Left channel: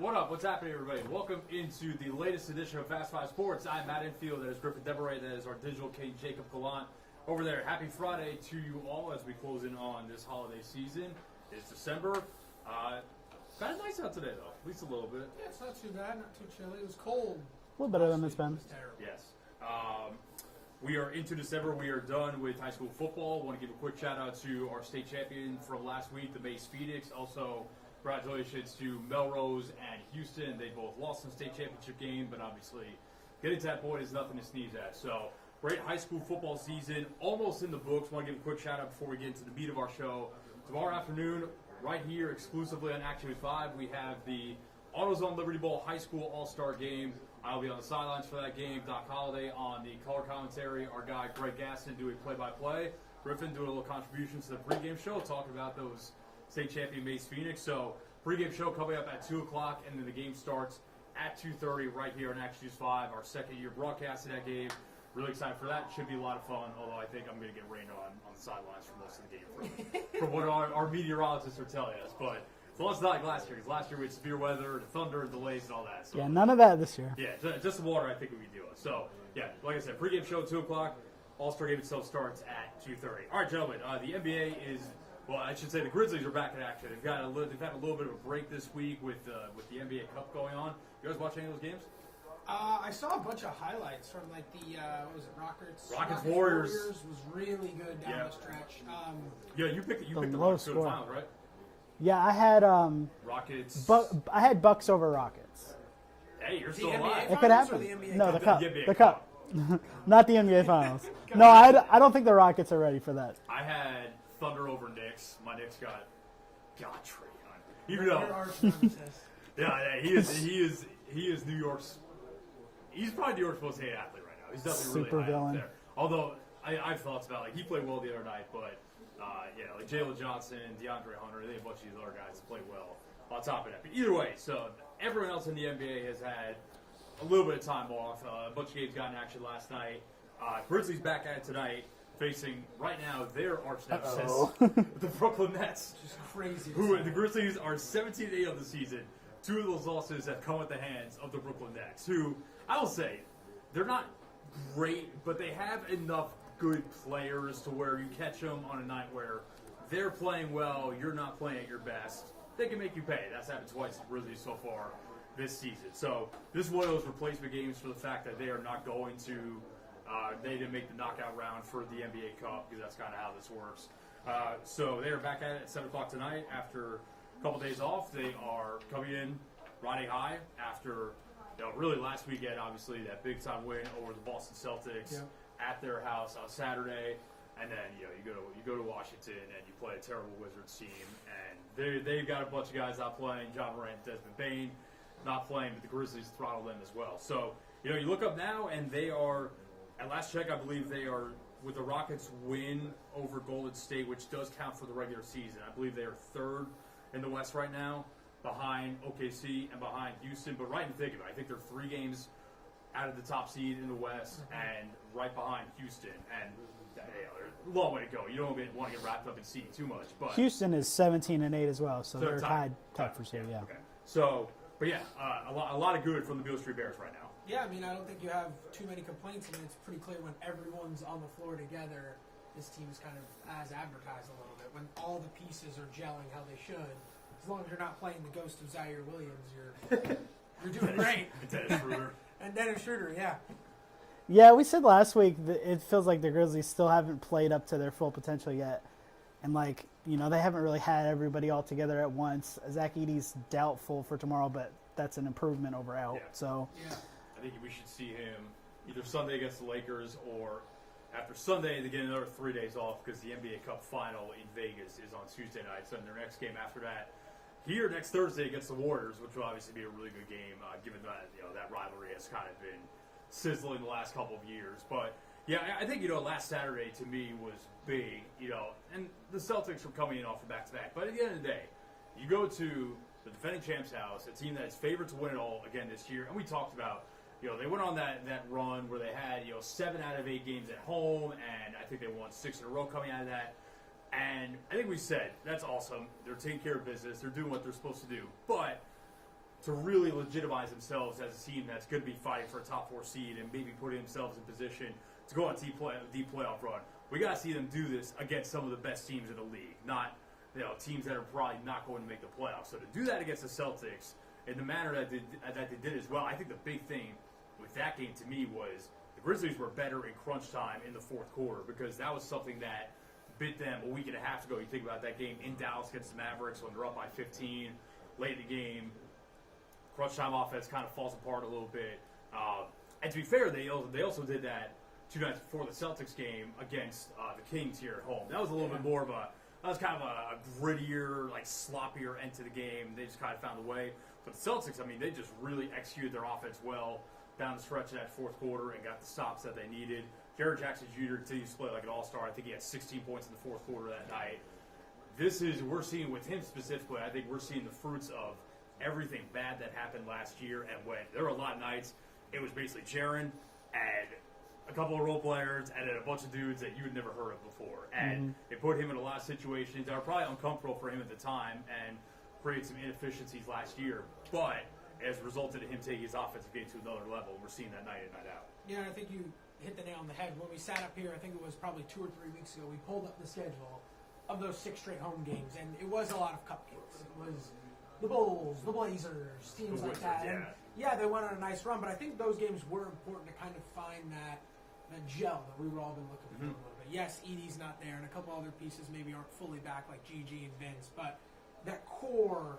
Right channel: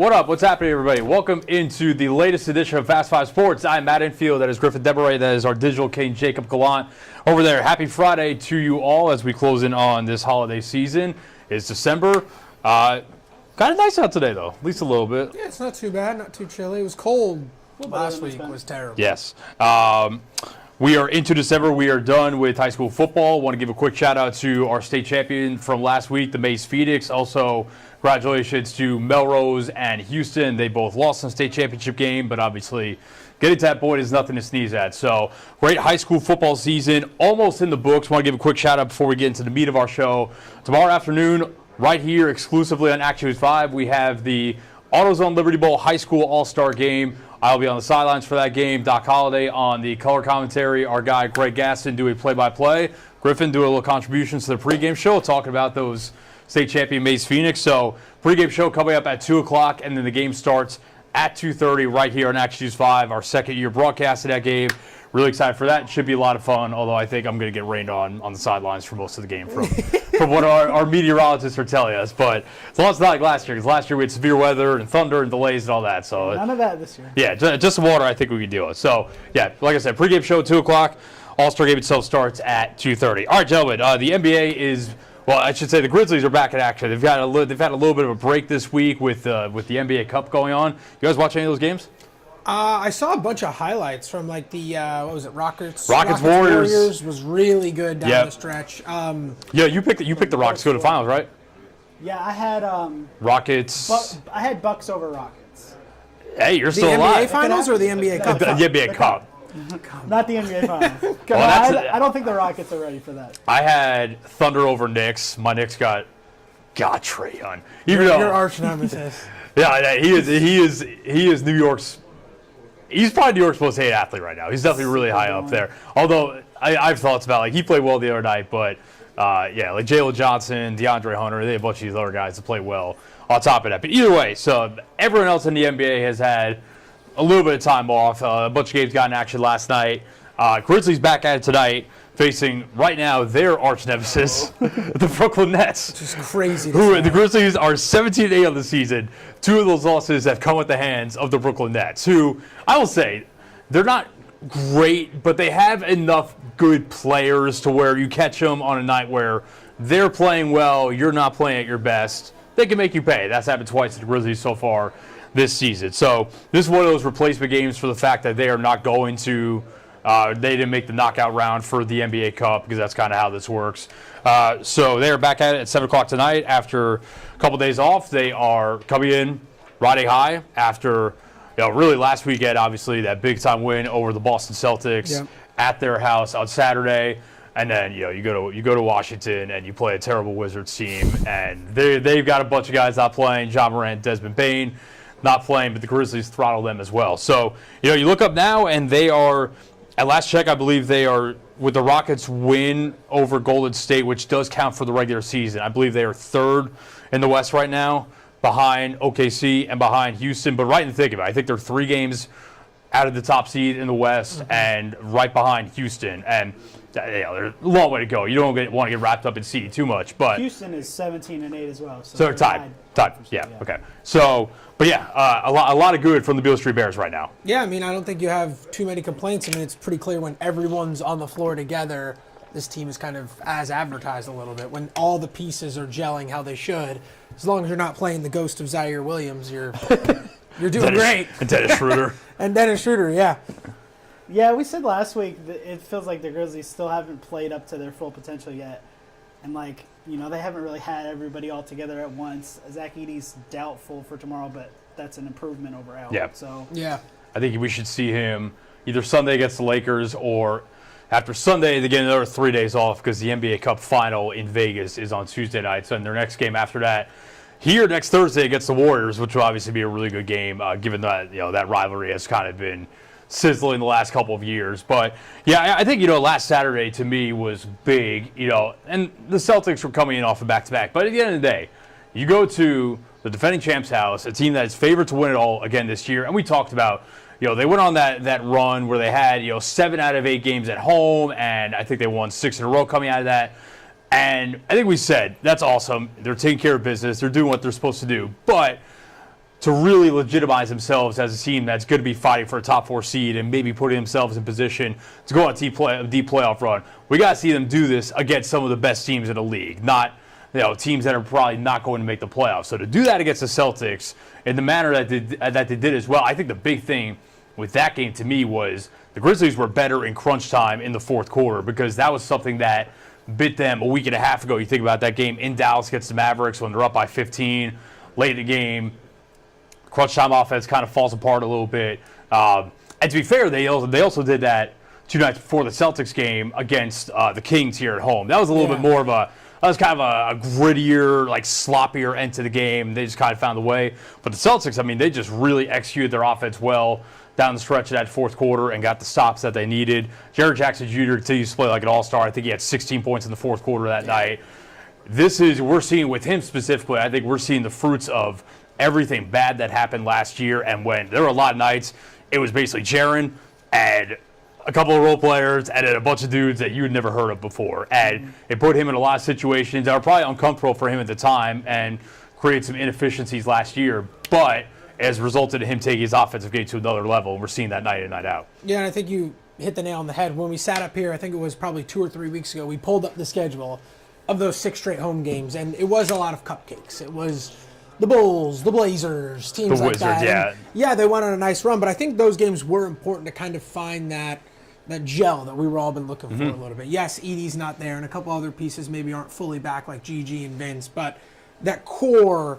what up? What's happening, everybody? Welcome into the latest edition of Fast Five Sports. I'm Matt Infield. That is Griffin Deberay. That is our digital king, Jacob Gallant, over there. Happy Friday to you all as we close in on this holiday season. It's December. Kind of nice out today, though, at least a little bit. Yeah, it's not too bad, not too chilly. It was cold last week. It was terrible. Yes. We are into December. We are done with high school football. Want to give a quick shout out to our state champion from last week, the Mays Phoenix. Also, congratulations to Melrose and Houston. They both lost in the state championship game, but obviously getting to that point is nothing to sneeze at. So, great high school football season, almost in the books. Want to give a quick shout out before we get into the meat of our show. Tomorrow afternoon, right here exclusively on Action News 5, we have the AutoZone Liberty Bowl High School All-Star Game. I'll be on the sidelines for that game. Doc Holliday on the color commentary. Our guy Greg Gaston doing play-by-play. Griffin doing a little contributions to the pregame show, talking about those state champion Mays Phoenix. So pregame show coming up at 2 o'clock, and then the game starts at 2:30 right here on Action News 5, our second year broadcast of that game. Really excited for that. It should be a lot of fun, although I think I'm going to get rained on the sidelines for most of the game from what our meteorologists are telling us. But as long as it's not like last year, because last year we had severe weather and thunder and delays and all that. So yeah, none of that this year. Yeah, just some water I think we can deal with. So, yeah, like I said, pregame show 2 o'clock. All-Star game itself starts at 2:30. All right, gentlemen, the NBA is, well, I should say the Grizzlies are back in action. They've had a little bit of a break this week with the NBA Cup going on. You guys watch any of those games? I saw a bunch of highlights from like the what was it, Rockets Warriors was really good down the stretch. Yeah, you picked the Rockets to go to the finals, right? Yeah, I had Rockets. I had Bucks over Rockets. Hey, you're The still NBA alive. Finals or the NBA Cup? The NBA Cup. Not the NBA Finals. No, I don't think the Rockets are ready for that. I had Thunder over Knicks. My Knicks got Trae Young. Your arch nemesis. Yeah, he is New York's. He's probably New York's most hated athlete right now. He's definitely really high up there. Although I have thoughts about, like, he played well the other night, but yeah, like Jalen Johnson, DeAndre Hunter, they have a bunch of these other guys that play well on top of that. But either way, so everyone else in the NBA has had a little bit of time off. A bunch of games got in action last night. Grizzlies back at it tonight, facing right now their arch nemesis, the Brooklyn Nets. Which is crazy. The Grizzlies are 17-8 on the season. Two of those losses have come at the hands of the Brooklyn Nets, who I will say they're not great, but they have enough good players to where you catch them on a night where they're playing well, you're not playing at your best. They can make you pay. That's happened twice to the Grizzlies so far this season. So this is one of those replacement games for the fact that they are not going to they didn't make the knockout round for the NBA Cup, because that's kind of how this works. So they are back at it at 7 o'clock tonight after a couple days off. They are coming in riding high after, really last weekend, obviously, that big-time win over the Boston Celtics at their house on Saturday. And then, you go to Washington and you play a terrible Wizards team, and they've got a bunch of guys not playing. John Morant, Desmond Bane not playing, but the Grizzlies throttle them as well. So, you look up now, and they are, at last check, I believe they are, with the Rockets win over Golden State, which does count for the regular season, I believe they are third in the West right now, behind OKC and behind Houston. But right in the thick of it, I think they're 3 games out of the top seed in the West and right behind Houston. And there's a long way to go. You don't want to get wrapped up in seed too much. But Houston is 17-8 as well. So they're tied. Yeah. Okay. So, but yeah, a lot of good from the Beale Street Bears right now. Yeah, I mean, I don't think you have too many complaints. I mean, it's pretty clear when everyone's on the floor together, this team is kind of as advertised a little bit. When all the pieces are gelling how they should, as long as you're not playing the ghost of Zaire Williams, you're doing great. And Dennis Schroeder. And Dennis Schroeder, yeah. Yeah, we said last week that it feels like the Grizzlies still haven't played up to their full potential yet. And, they haven't really had everybody all together at once. Zach Edey's doubtful for tomorrow, but that's an improvement over Elwood. Yeah. So, yeah. I think we should see him either Sunday against the Lakers, or after Sunday they get another 3 days off, because the NBA Cup final in Vegas is on Tuesday night. So in their next game after that, here next Thursday against the Warriors, which will obviously be a really good game, given that that rivalry has kind of been sizzling the last couple of years. But yeah, I think last Saturday to me was big, and the Celtics were coming in off a back-to-back. But at the end of the day, you go to the defending champs' house, a team that is favored to win it all again this year, and we talked about they went on that run where they had 7 out of 8 games at home, and I think they won 6 in a row coming out of that. And I think we said, that's awesome. They're taking care of business. They're doing what they're supposed to do. But to really legitimize themselves as a team that's going to be fighting for a top 4 seed and maybe putting themselves in position to go on a deep playoff run. We got to see them do this against some of the best teams in the league, not teams that are probably not going to make the playoffs. So to do that against the Celtics in the manner that they did as well, I think the big thing with that game to me was the Grizzlies were better in crunch time in the fourth quarter, because that was something that bit them a week and a half ago. You think about that game in Dallas against the Mavericks when they're up by 15 late in the game. Crunch time offense kind of falls apart a little bit. And to be fair, they also did that 2 nights before the Celtics game against the Kings here at home. That was a little bit more of a grittier, like sloppier end to the game. They just kind of found a way. But the Celtics, I mean, they just really executed their offense well down the stretch of that fourth quarter and got the stops that they needed. Jaren Jackson Jr. continues to play like an all-star. I think he had 16 points in the fourth quarter that night. We're seeing with him specifically, I think we're seeing the fruits of everything bad that happened last year. And when there were a lot of nights, it was basically Jaren and a couple of role players and then a bunch of dudes that you had never heard of before. And it put him in a lot of situations that were probably uncomfortable for him at the time and created some inefficiencies last year. But it has resulted in him taking his offensive game to another level, and we're seeing that night in, night out. Yeah, and I think you hit the nail on the head. When we sat up here, I think it was probably 2 or 3 weeks ago, we pulled up the schedule of those 6 straight home games, and it was a lot of cupcakes. It was the Bulls, the Blazers, teams The like Wizards, that. yeah. And yeah, they went on a nice run, but I think those games were important to kind of find that gel that we were all been looking for a little bit. Yes, Edie's not there, and a couple other pieces maybe aren't fully back like Gigi and Vince, but that core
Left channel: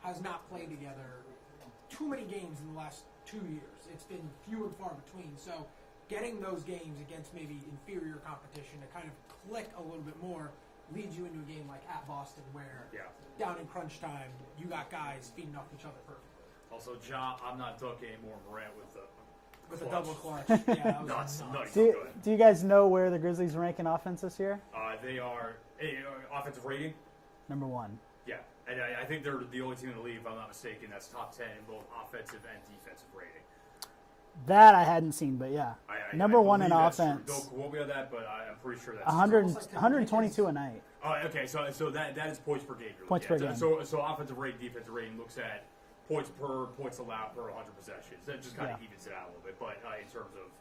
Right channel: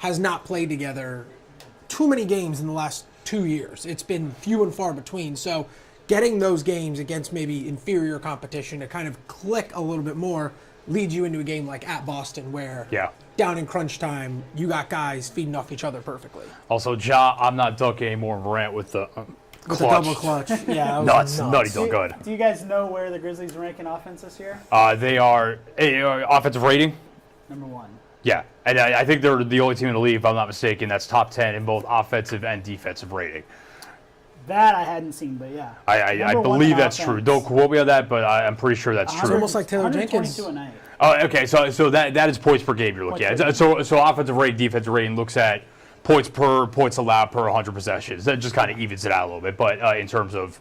has not played together too many games in the last 2 years. It's been few and far between. So getting those games against maybe inferior competition to kind of click a little bit more leads you into a game like at Boston where down in crunch time, you got guys feeding off each other perfectly. Also, I'm not dunking anymore Morant with the With the double clutch. Yeah, nuts. Nutty dunk good. Do you guys know where the Grizzlies rank in offense this year? They are offensive rating. Number 1. Yeah, and I think they're the only team in the league, if I'm not mistaken, that's top 10 in both offensive and defensive rating. That I hadn't seen, but yeah. I believe that's true. Don't quote me on that, but I'm pretty sure that's true. Almost like Taylor 122 Jenkins. a night. Oh, okay. So that is points per game you're looking at. So offensive rating, defensive rating looks at points allowed per 100 possessions. That just kind of evens it out a little bit. But in terms of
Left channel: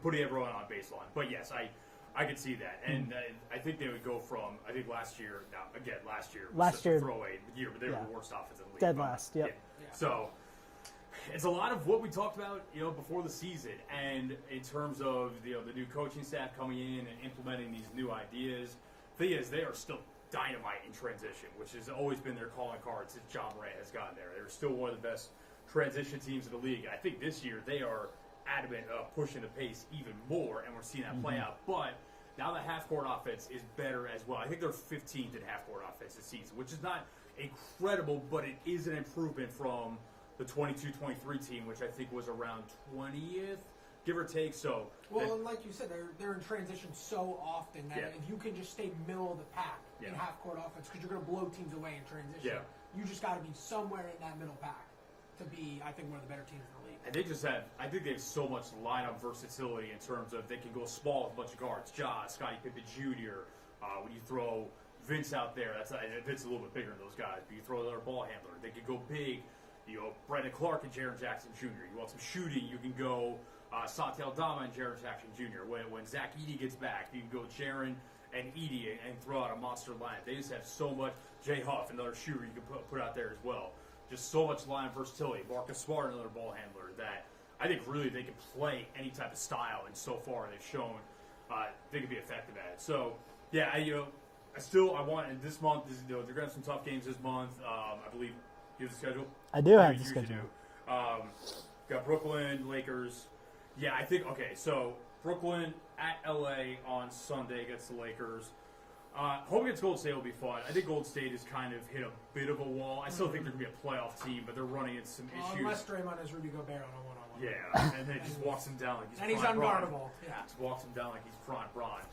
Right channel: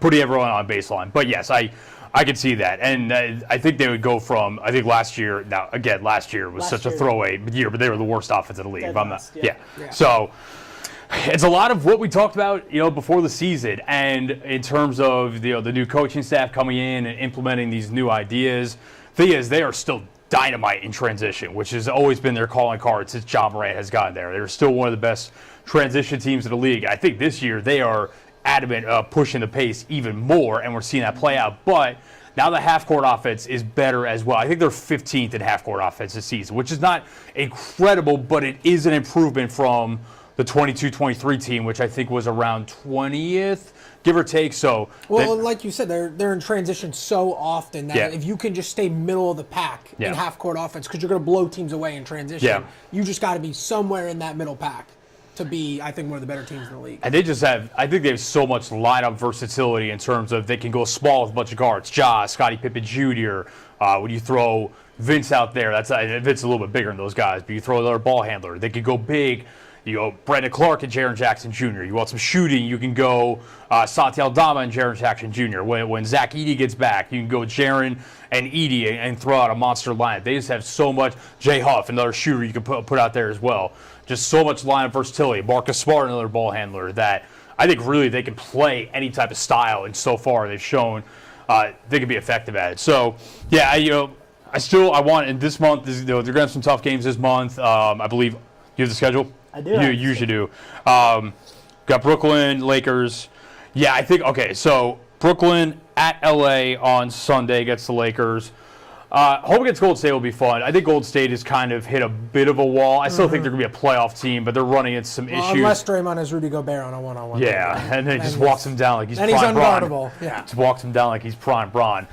putting everyone on baseline. But yes, I could see that. And I think they would go from, I think last year was such a throwaway year, but they were the worst offense in the league. Yeah. So it's a lot of what we talked about, before the season. And in terms of the new coaching staff coming in and implementing these new ideas, thing is they are still dynamite in transition, which has always been their calling card since John Morant has gotten there. They're still one of the best transition teams in the league. I think this year they are adamant pushing the pace even more, and we're seeing that play out. But now the half-court offense is better as well. I think they're 15th in half-court offense this season, which is not incredible, but it is an improvement from the 22-23 team, which I think was around 20th, give or take. So, like you said, they're in transition so often that if you can just stay middle of the pack in half-court offense, because you're going to blow teams away in transition, you just got to be somewhere in that middle pack to be, I think, one of the better teams in the league. And I think they have so much lineup versatility in terms of they can go small with a bunch of guards. Ja, Scottie Pippen Jr., when you throw Vince out there, Vince is a little bit bigger than those guys, but you throw another ball handler. They could go big. You go Brandon Clark and Jaren Jackson Jr. You want some shooting, you can go Santi Aldama and Jaren Jackson Jr. When Zach Edey gets back, you can go Jaren and Edey and throw out a monster lineup. They just have so much. Jay Huff, another shooter you can put out there as well. Just so much lineup versatility. Marcus Smart, another ball handler that I think really they can play any type of style, and so far they've shown they can be effective at it. So, yeah, I want in this month. They're going to have some tough games this month. I believe you have the schedule. I do. You usually do. Got Brooklyn, Lakers. Yeah, I think, okay, so Brooklyn at LA on Sunday against the Lakers. Home against Golden State will be fun. I think Golden State has kind of hit a bit of a wall. I still think they're going to be a playoff team, but they're running into some issues. Unless Draymond has Rudy Gobert on a one-on-one. Yeah, and then he just walks him down like he's prime Braun. And he's Braun. unguardable. Yeah. Just walks him down like he's prime Braun.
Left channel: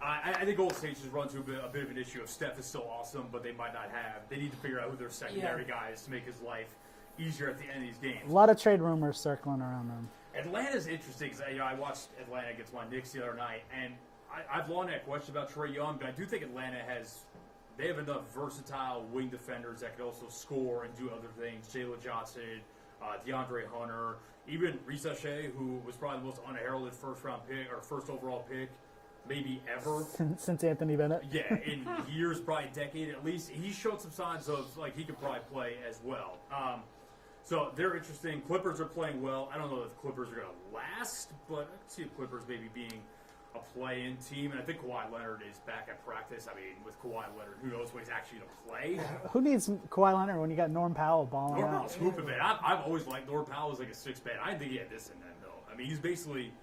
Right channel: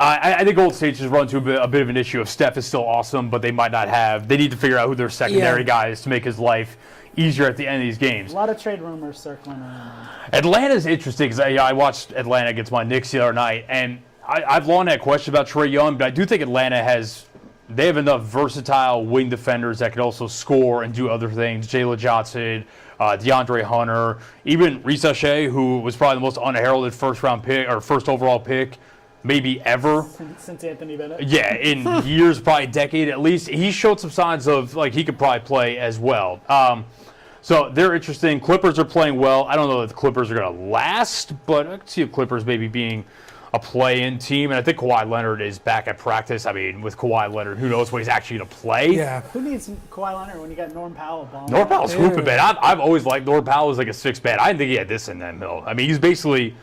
I think Golden State just run into a bit of an issue of Steph is still awesome, but they might not have. They need to figure out who their secondary guy is to make his life easier at the end of these games. A lot of trade rumors circling around. Atlanta's interesting because I watched Atlanta against my Knicks the other night, and I've long had questions about Trae Young, but I do think Atlanta has they have enough versatile wing defenders that can also score and do other things. Jalen Johnson, DeAndre Hunter, even Reese Shea, who was probably the most unheralded first-round pick or first overall pick maybe ever. Since Anthony Bennett. Yeah, in years, probably a decade at least. He showed some signs of, like, he could probably play as well. So they're interesting. Clippers are playing well. I don't know if the Clippers are going to last, but I can see the Clippers maybe being a play-in team. And I think Kawhi Leonard is back at practice. I mean, with Kawhi Leonard, who knows when he's actually going to play. Yeah. Who needs Kawhi Leonard when you got Norm Powell balling? Norm Powell's hooping, man. I've always liked Norm Powell as like a six-man. I didn't think he had this in that mill. I mean, he's basically,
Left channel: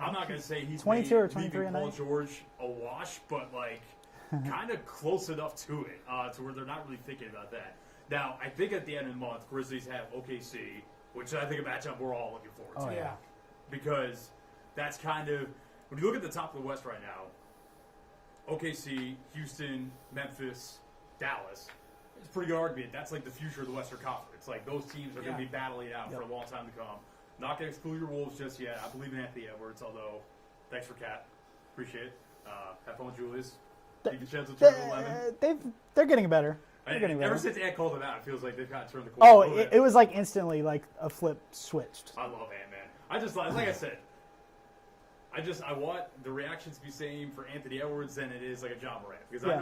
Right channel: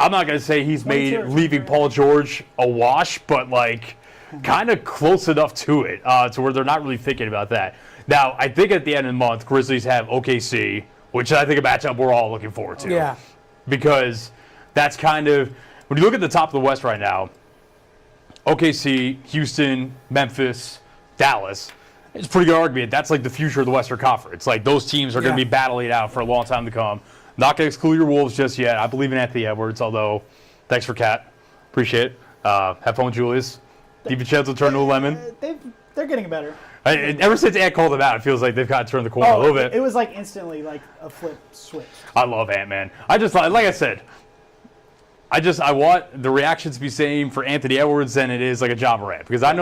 I'm not going to say he's made 22 or leaving 23, Paul George a wash, but like kind of close enough to it to where they're not really thinking about that. Now, I think at the end of the month, Grizzlies have OKC, which I think a matchup we're all looking forward to. Yeah. Because that's kind of, when you look at the top of the West right now, OKC, Houston, Memphis, Dallas, it's a pretty good argument. That's like the future of the Western Conference. Like those teams are going to be battling it out for a long time to come. Not going to exclude your Wolves just yet. I believe in Anthony Edwards, although thanks for Cat. Appreciate it. Have fun with Julius. DiVincenzo turned to a lemon. They're getting better. Ever since Ant called them out, it feels like they've kind of turned the corner a little bit. It was like instantly like a flip switch. I love Ant, man. I just, like I said, I want the reaction to be same for Anthony Edwards than it is like a Ja Morant, because I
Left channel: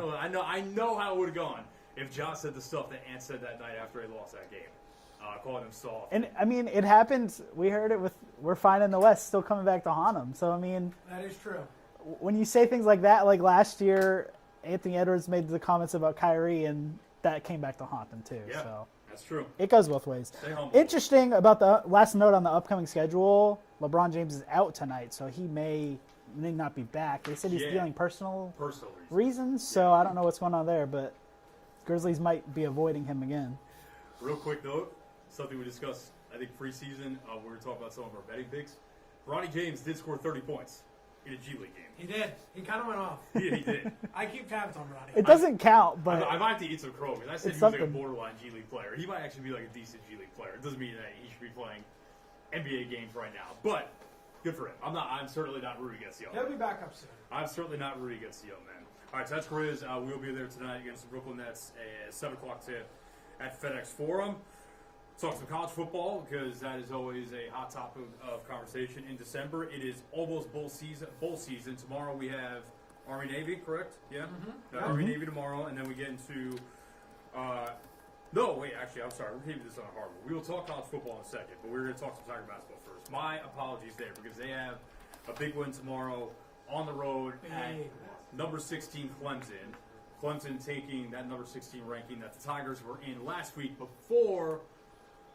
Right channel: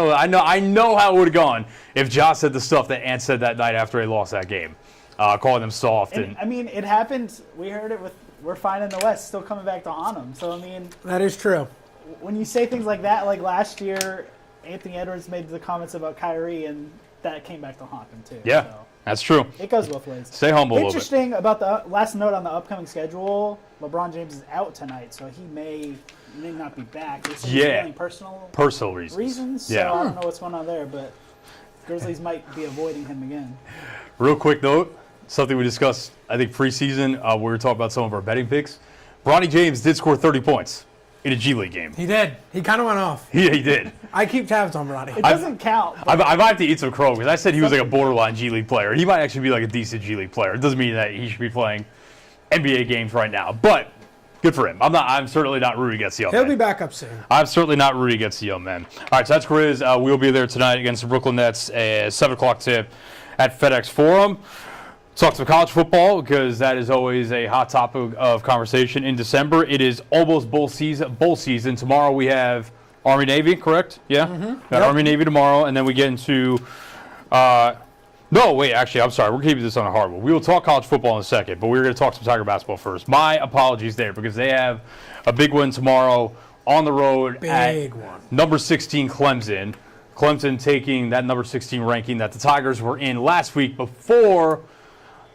know how it would have gone if Ja said the stuff that Ant said that night after he lost that game, calling them soft. And I mean, it happens. We heard it with "We're fine in the West," still coming back to haunt them. So I mean, That is true. when you say things like that, like last year, Anthony Edwards made the comments about Kyrie, and that came back to haunt him too. Yeah, So that's true. it goes both ways. Stay humble a little bit. Interesting about the last note on the upcoming schedule. LeBron James is out tonight, so he may not be back. They said he's feeling personal reasons. So Yeah. I don't know what's going on there, but Grizzlies might be avoiding him again. Real quick note, something we discussed, I think, preseason, we were talking about some of our betting picks. Bronny James did score 30 points in a G League game. He did. He kind of went off. He did. I keep tabs on Ronnie. It doesn't count. But I might have to eat some crow because I said he was like a Something. borderline G League player. He might actually be like a decent G League player. It doesn't mean that he should be playing NBA games right now, but good for him. I'm certainly not rooting against the young He'll man. be back up soon. I'm certainly not rooting against the young man. All right, so that's Grizz. We'll be there tonight against the Brooklyn Nets at 7 o'clock tip at FedEx Forum. Talk some college football because that is always a hot topic of conversation in December. It is almost bowl season. Tomorrow we have Army Navy, correct? Yeah? Got Army Navy tomorrow, and then we get into no, wait, actually, I'm sorry. We're keeping this on a hard one. We will talk college football in a second, but we're going to talk some Tiger basketball first. My apologies there because they have a big win tomorrow on the road Big one. number 16 Clemson. Clemson taking that number 16 ranking that the Tigers were in last week before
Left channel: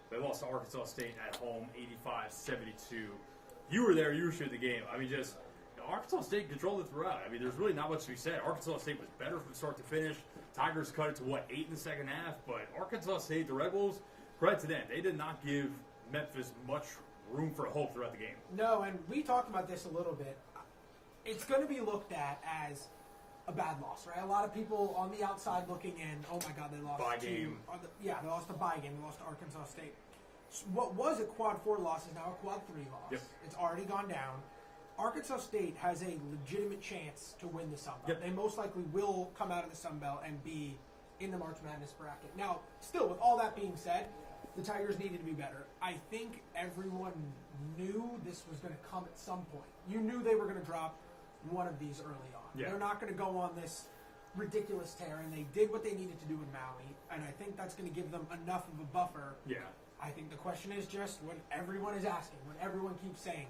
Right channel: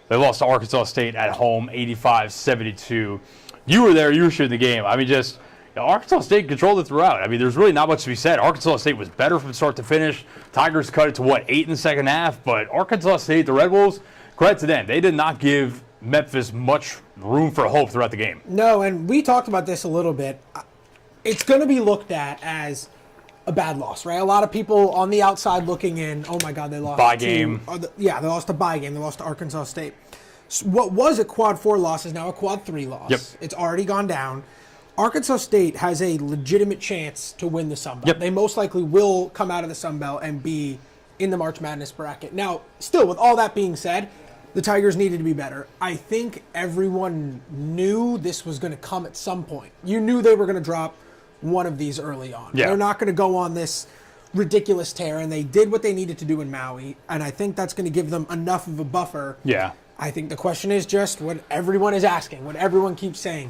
they lost to Arkansas State at home, 85-72. You were there. You were shooting the game. I mean, just Arkansas State controlled it throughout. I mean, there's really not much to be said. Arkansas State was better from start to finish. Tigers cut it to, 8 in the second half? But Arkansas State, the Red Wolves, credit to them. They did not give Memphis much room for hope throughout the game. No, and we talked about this a little bit. It's going to be looked at as a bad loss, right? A lot of people on the outside looking in, oh my God, they lost Bye game. They lost a bye game. They lost to Arkansas State. So what was a quad 4 loss is now a quad 3 loss. Yep. It's already gone down. Arkansas State has a legitimate chance to win the Sun Belt. Yep. They most likely will come out of the Sun Belt and be in the March Madness bracket. Now, still, with all that being said, the Tigers needed to be better. I think everyone knew this was going to come at some point. You knew they were going to drop one of these early on. Yeah. They're not going to go on this ridiculous tear, and they did what they needed to do in Maui, and I think that's going to give them enough of a buffer. Yeah. I think the question is just what everyone is asking, what everyone keeps saying.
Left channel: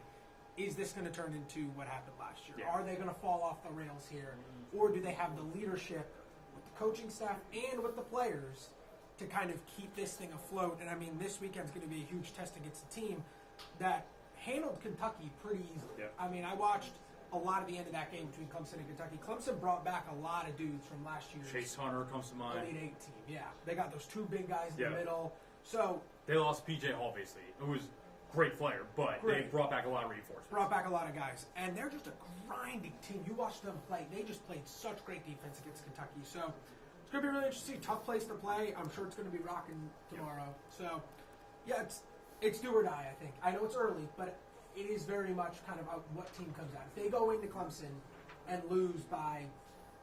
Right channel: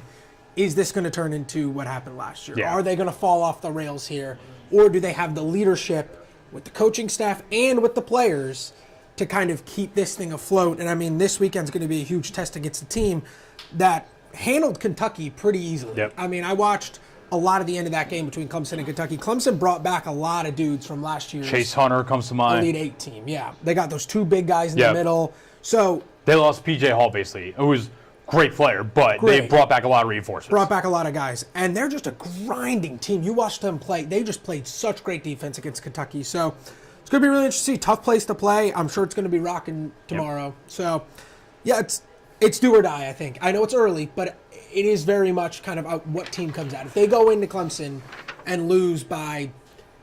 Is this going to turn into what happened last year? Yeah. Are they going to fall off the rails here? Or do they have the leadership with the coaching staff and with the players to kind of keep this thing afloat? And I mean, this weekend's going to be a huge test against a team that handled Kentucky pretty easily. Yep. I mean, I watched a lot of the end of that game between Clemson and Kentucky. Clemson brought back a lot of dudes from last year's Chase Hunter comes to mind. Elite 8 team. Yeah, they got those two big guys in Yep. the middle. So They lost P.J. Hall, basically, who was a great player, but they Great. brought back a lot of reinforcements. brought back a lot of guys, and they're just a grinding team. You watch them play; they just played such great defense against Kentucky. So it's going to be really interesting. Tough place to play. I'm sure it's going to be rocking tomorrow. So yeah, it's do or die. I think. I know it's early, but it is very much kind of what team comes out. If they go into Clemson and lose by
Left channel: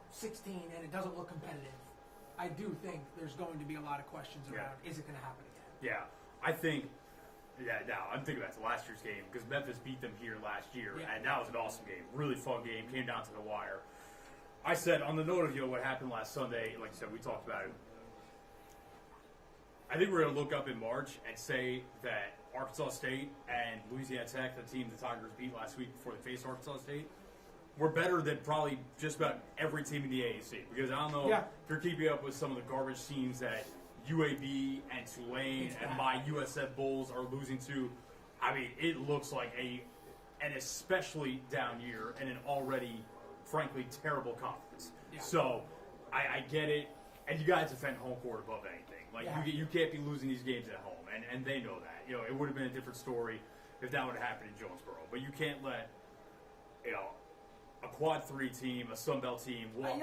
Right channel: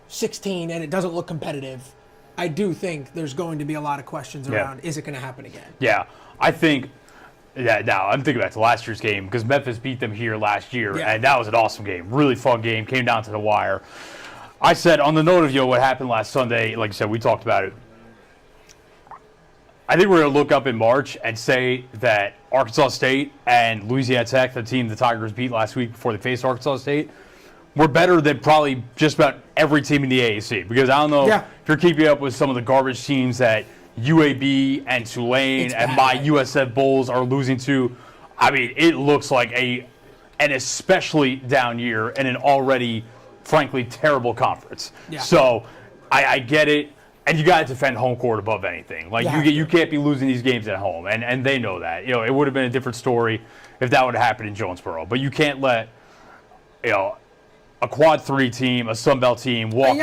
16 and it doesn't look competitive, I do think there's going to be a lot of questions Yeah. around, is it going to happen again? Yeah, I think. Yeah, now I'm thinking back to last year's game because Memphis beat them here last year, Yeah. and that was an awesome game, really fun game. Came down to the wire. I said on the note of what happened last Sunday. Like I said, we talked about it. I think we're going to look up in March and say that Arkansas State and Louisiana Tech, the team the Tigers beat last week before they faced Arkansas State, were better than probably just about every team in the AAC. Because I don't know Yeah. if you're keeping up with some of the garbage teams that UAB and Tulane It's and bad. my USF Bulls are losing to. I mean, it looks like an especially down year in an already, frankly, terrible conference. Yeah. So I get it. And you got to defend home court above anything. Like you can't be losing these games at home, and they know that. It would have been a different story if that would have happened in Jonesboro. But you can't let a quad 3 team, a Sun Belt team, walk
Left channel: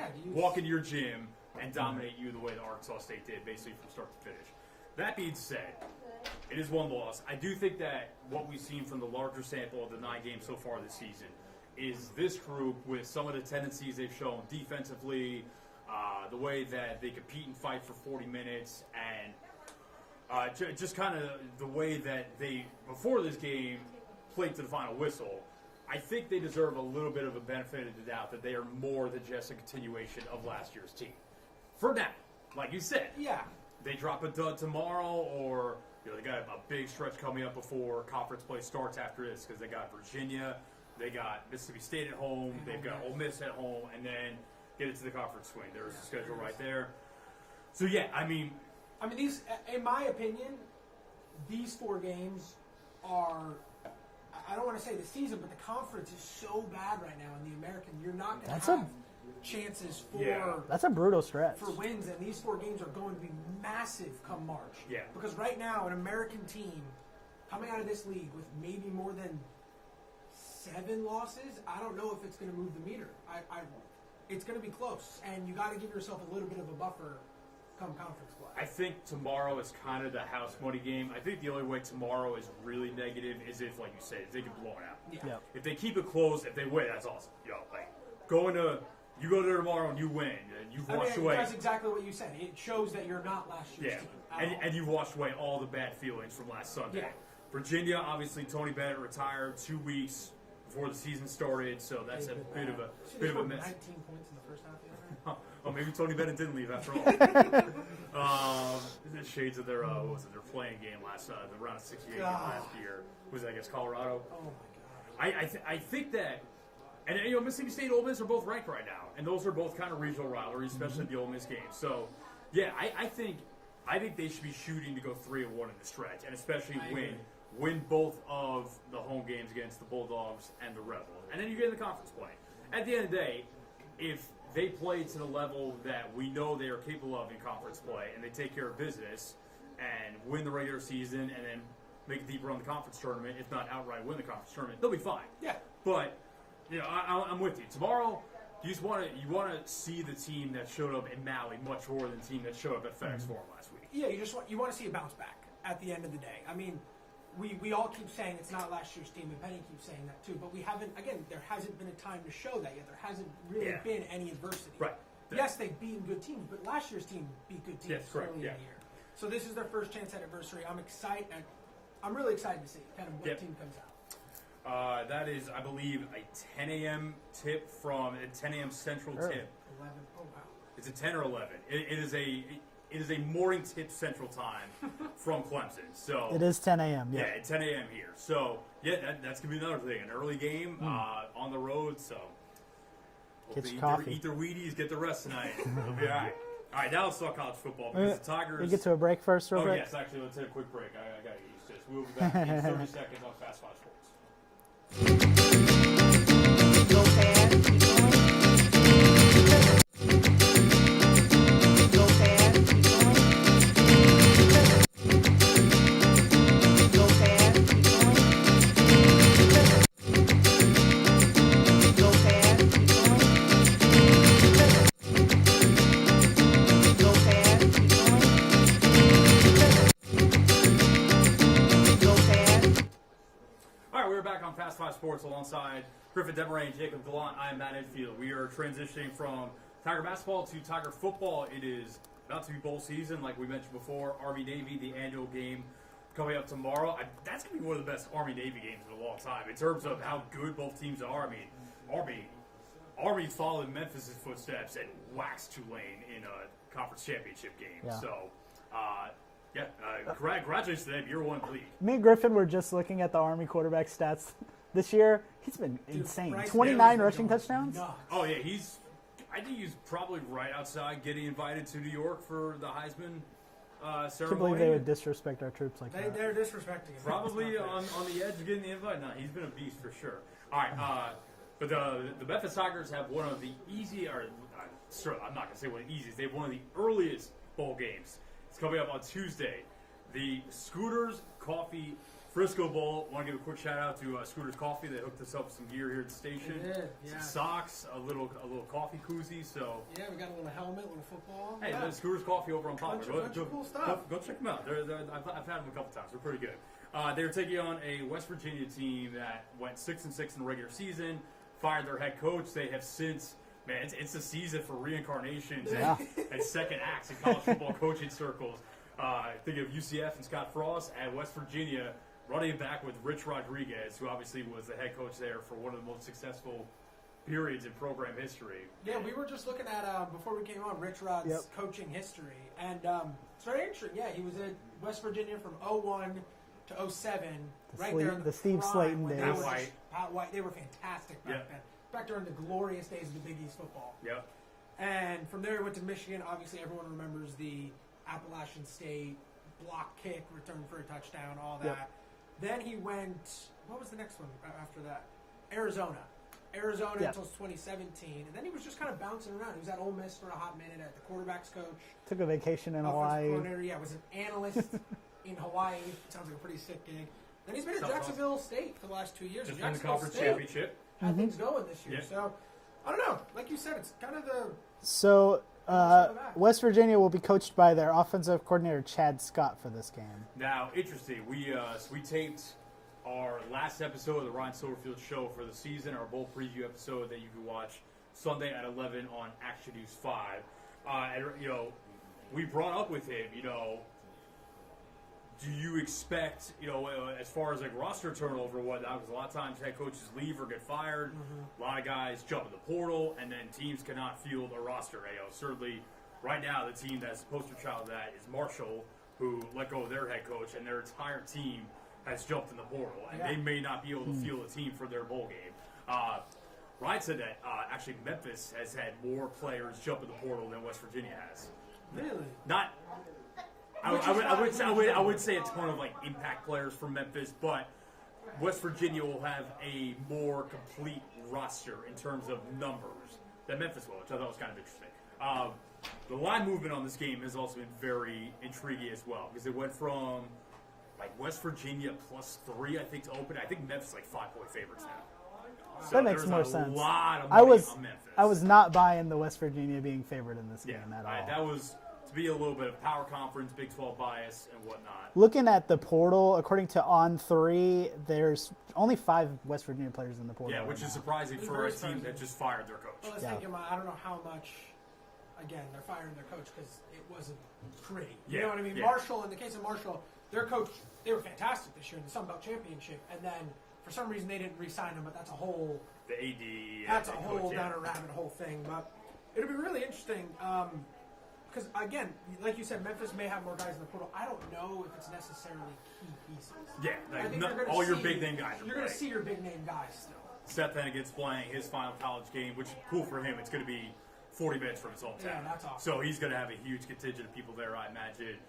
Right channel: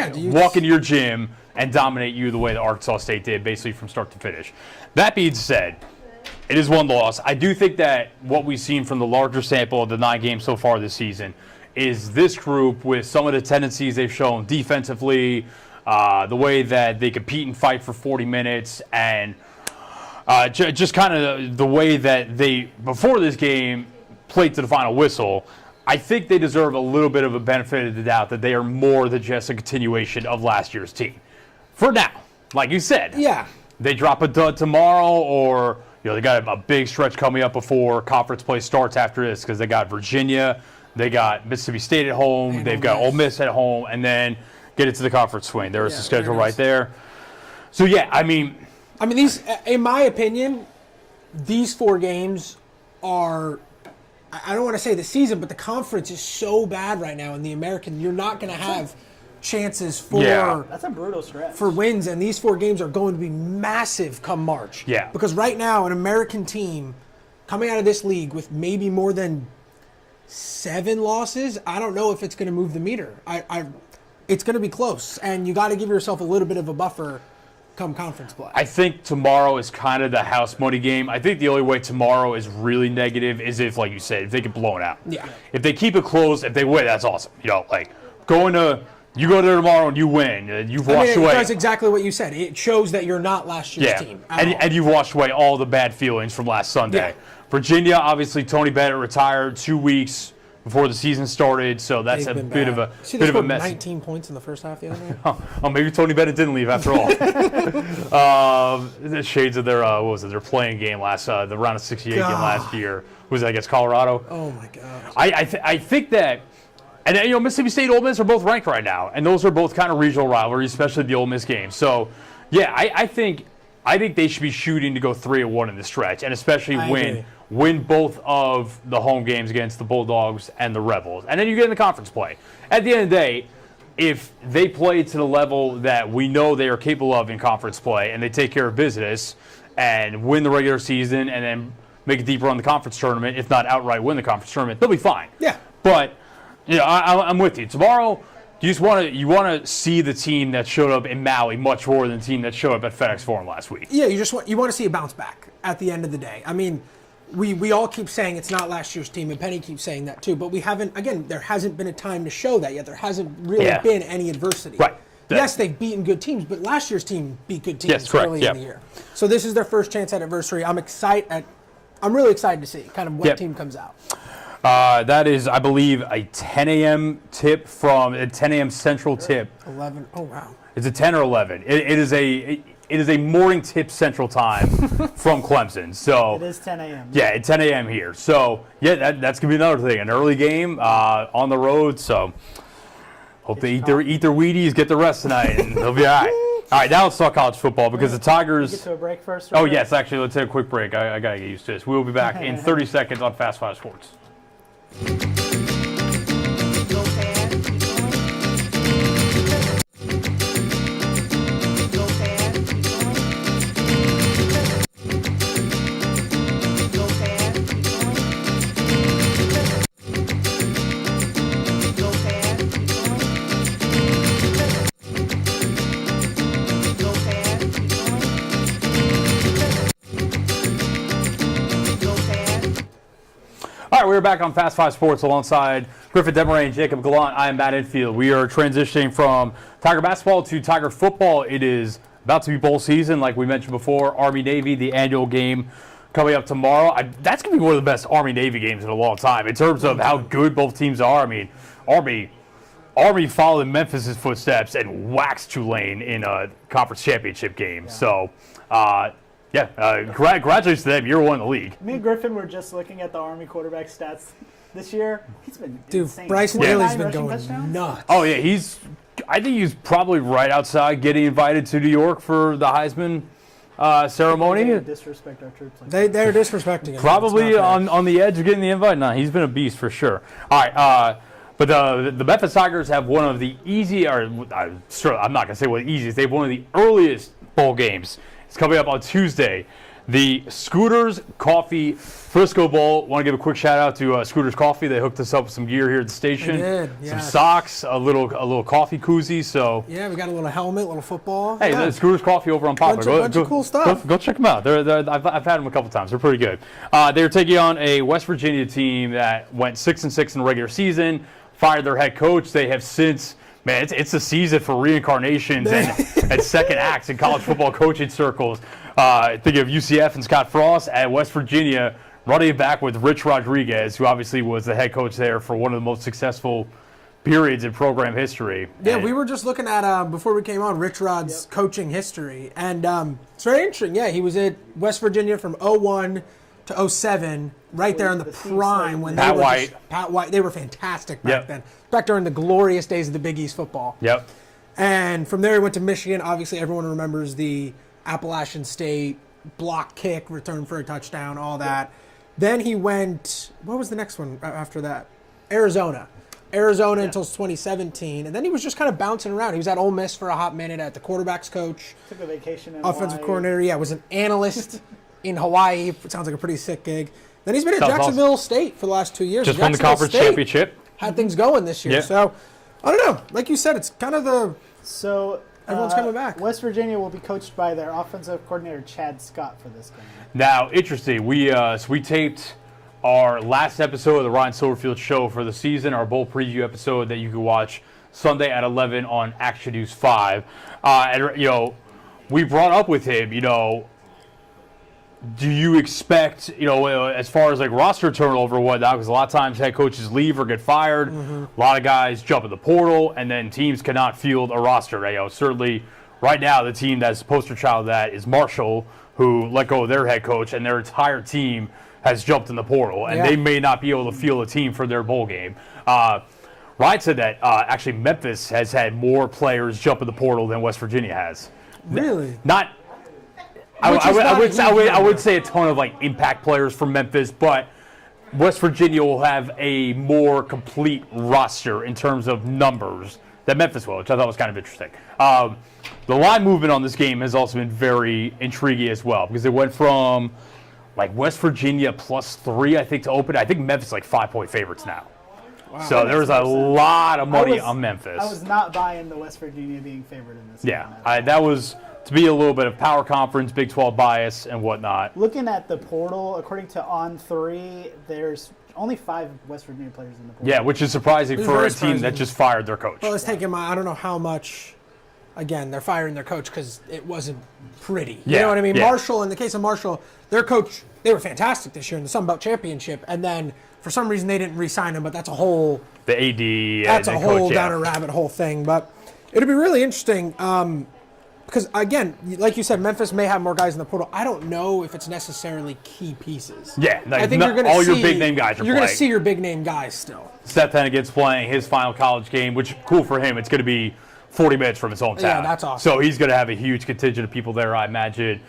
into your gym and dominate you the way that Arkansas State did, basically from start to finish. That being said, it is one loss. I do think that what we've seen from the larger sample of the 9 games so far this season is this group, with some of the tendencies they've shown defensively, the way that they compete and fight for 40 minutes, and just kind of the way that they, before this game, played to the final whistle. I think they deserve a little bit of a benefit of the doubt that they are more than just a continuation of last year's team. For now, like you said. Yeah. They drop a dud tomorrow, or they got a big stretch coming up before conference play starts after this, because they got Virginia, they got Mississippi State at home, And they've got Ole Miss at home, and then get it to the conference swing. There's the schedule right there. So, yeah, I mean, these, in my opinion, these 4 games are, I don't want to say the season, but the conference is so bad right now in the American. You're not going to have chances for That's a brutal stretch. for wins, and these 4 games are going to be massive come March. Yeah. Because right now, an American team coming out of this league with maybe more than 7 losses, I don't know if it's going to move the meter. It's going to be close, and you got to give yourself a little bit of a buffer come conference play. I think tomorrow is kind of the house money game. I think the only way tomorrow is really negative is if, like you said, if they get blown out. Yeah. If they keep it close, if they win, that's awesome. You go there tomorrow and you win. You've washed away. It does exactly what you said. It shows that you're not last year's team. And you've washed away all the bad feelings from last Sunday. Yeah. Virginia, obviously, Tony Bennett retired 2 weeks before the season started, so that's They've a been bit bad. of See, a they scored mess. 19 points in the first half the other night. Oh, maybe Tony Bennett didn't leave after all. The shades of their what was it? Their playing game the round of 68 game last year. Was that against Colorado? Oh my God. I think that, and Mississippi State, Ole Miss are both ranked right now, and those are both kind of regional rivalries, especially the Ole Miss game. So, yeah, I think they should be shooting to go 3-1 in the stretch, and especially win both of the home games against the Bulldogs and the Rebels. And then you get in the conference play. At the end of the day, if they play to the level that we know they are capable of in conference play, and they take care of business and win the regular season and then make a deep run in the conference tournament, if not outright win the conference tournament, they'll be fine. Yeah. But, I'm with you. Tomorrow, you want to see the team that showed up in Maui much more than the team that showed up at FedEx Forum last week. Yeah, you want to see a bounce back at the end of the day. We all keep saying it's not last year's team, and Penny keeps saying that too, but we haven't, again, there hasn't been a time to show that yet. There hasn't really been any adversity. Right. Yes, they've beaten good teams, but last year's team beat good teams early in the year. So this is their first chance at adversity. I'm really excited to see kind of what team comes out. That is, I believe, a 10 a.m. tip from a 10 a.m. Central tip. 11. Oh, wow. It's a 10 or 11. It is a morning tip Central time from Clemson. So it is 10 a.m. Yeah, it's 10 a.m. here. So that's gonna be another thing. An early game on the road. So hope they eat their Wheaties, get the rest tonight, and they'll be all right. All right, now let's talk college football because the Tigers. We get to a break first. Oh yes, actually, let's take a quick break. I gotta get used to this. We will be back in 30 seconds on Fast 5 Sports. We're back on Fast 5 Sports alongside Griffin Demarain, Jacob Gallant, I am Matt Infield. We are transitioning from Tiger basketball to Tiger football. It is about to be bowl season, like we mentioned before. Army-Navy, the annual game coming up tomorrow. That's going to be one of the best Army-Navy games in a long time in terms of how good both teams are. I mean, Army followed in Memphis' footsteps and waxed Tulane in a conference championship game. Yeah. So, congratulations to them. You're one in the league. Me and Griffin were just looking at the Army quarterback stats this year. He's been insane. Bryce 29 been rushing going touchdowns. nuts. Oh, yeah. I think he's probably right outside getting invited to New York for the Heisman ceremony. They disrespect our troops like that. They're disrespecting him. Probably on the edge of getting the invite. No, he's been a beast for sure. All right. But the Memphis Tigers have one of the I'm not going to say one of the easiest. They have one of the earliest bowl games. It's coming up on Tuesday. The Scooters Coffee Frisco Bowl. Want to give a quick shout out to Scooters Coffee. They hooked us up with some gear here at the station. They did, Some yes. socks, a little coffee koozie. So Yeah, we got a little helmet, a little football. hey, yeah. the Scooters Coffee over on Poplar. Bunch of cool stuff. Go check them out. I've had them a couple times. They're pretty good. They're taking on a West Virginia team that went 6-6 in the regular season. Fired their head coach. They have since. Man, it's a season for reincarnations and second acts in college football coaching circles. Think of UCF and Scott Frost at West Virginia, running it back with Rich Rodriguez, who obviously was the head coach there for one of the most successful periods in program history. Yeah, And we were just looking at, before we came on, Rich Rod's coaching history. And it's very interesting. Yeah, he was at West Virginia from 01 to 07, right there in the Steve prime. Slayton When days. they were White. Pat White. They were fantastic back Yep. then. Back during the glorious days of the Big East football. Yep. And from there, he went to Michigan. Obviously, everyone remembers the Appalachian State block kick, return for a touchdown, all that. Then he went, what was the next one after that? Arizona until 2017. And then he was just kind of bouncing around. He was at Ole Miss for a hot minute at the quarterback's coach. Took a vacation in Offensive Hawaii. coordinator, yeah, was an analyst in Hawaii. It sounds like a pretty sick gig. Then he's been at Sounds Jacksonville State for the last 2 years. Just won the Jacksonville conference State championship. Had things going this year. Yeah. So, I don't know. Like you said, it's kind of the... So Everyone's coming back. West Virginia will be coached by their offensive coordinator Chad Scott for this game. Now, interesting. We taped our last episode of the Ryan Silverfield Show for the season, our bowl preview episode that you can watch Sunday at 11 on Action News 5. And we brought up with him, do you expect, as far as like roster turnover and whatnot, because a lot of times head coaches leave or get fired, a lot of guys jump in the portal, and then teams cannot field a roster. Certainly, right now, the team that's the poster child of that is Marshall, who let go of their head coach, and their entire team has jumped in the portal, and they may not be able to field a team for their bowl game. Ryan said that actually Memphis has had more players jump in the portal than West Virginia has. Really? Not. I would say a ton of like impact players from Memphis, but West Virginia will have a more complete roster in terms of numbers than Memphis will, which I thought was kind of interesting. The line movement on this game has also been very intriguing as well, because it went from like West Virginia +3, I think, to open. I think Memphis is like 5-point favorites now. Wow. So That there was makes a more sense. lot of money on Memphis. I was not buying the West Virginia being favored in this game. at all. That was to be a little bit of power conference, Big 12 bias, and whatnot. Looking at the portal, according to On3, there's only 5 West Virginia players in the portal. Yeah, which is surprising It's for very a team that surprising. just fired their coach. Well, let's take him. I don't know how much. Again, they're firing their coach because it wasn't pretty. You Yeah, know what I mean? yeah. Marshall, in the case of Marshall, their coach, they were fantastic this year in the Sun Belt Championship, and then for some reason they didn't re-sign him. But that's a whole. The AD. That's and a the whole coach, down a rabbit hole thing. But it'll be really interesting because again, like you said, Memphis may have more guys in the portal. I don't know if it's necessarily key pieces. Yeah, like I think you're going to all see your big name guys are You're going to playing. see your big name guys still. Seth Hennigan's playing his final college game, which cool for him. It's going to be 40 minutes from his hometown. Yeah, that's awesome. So he's going to have a huge contingent of people there, I imagine.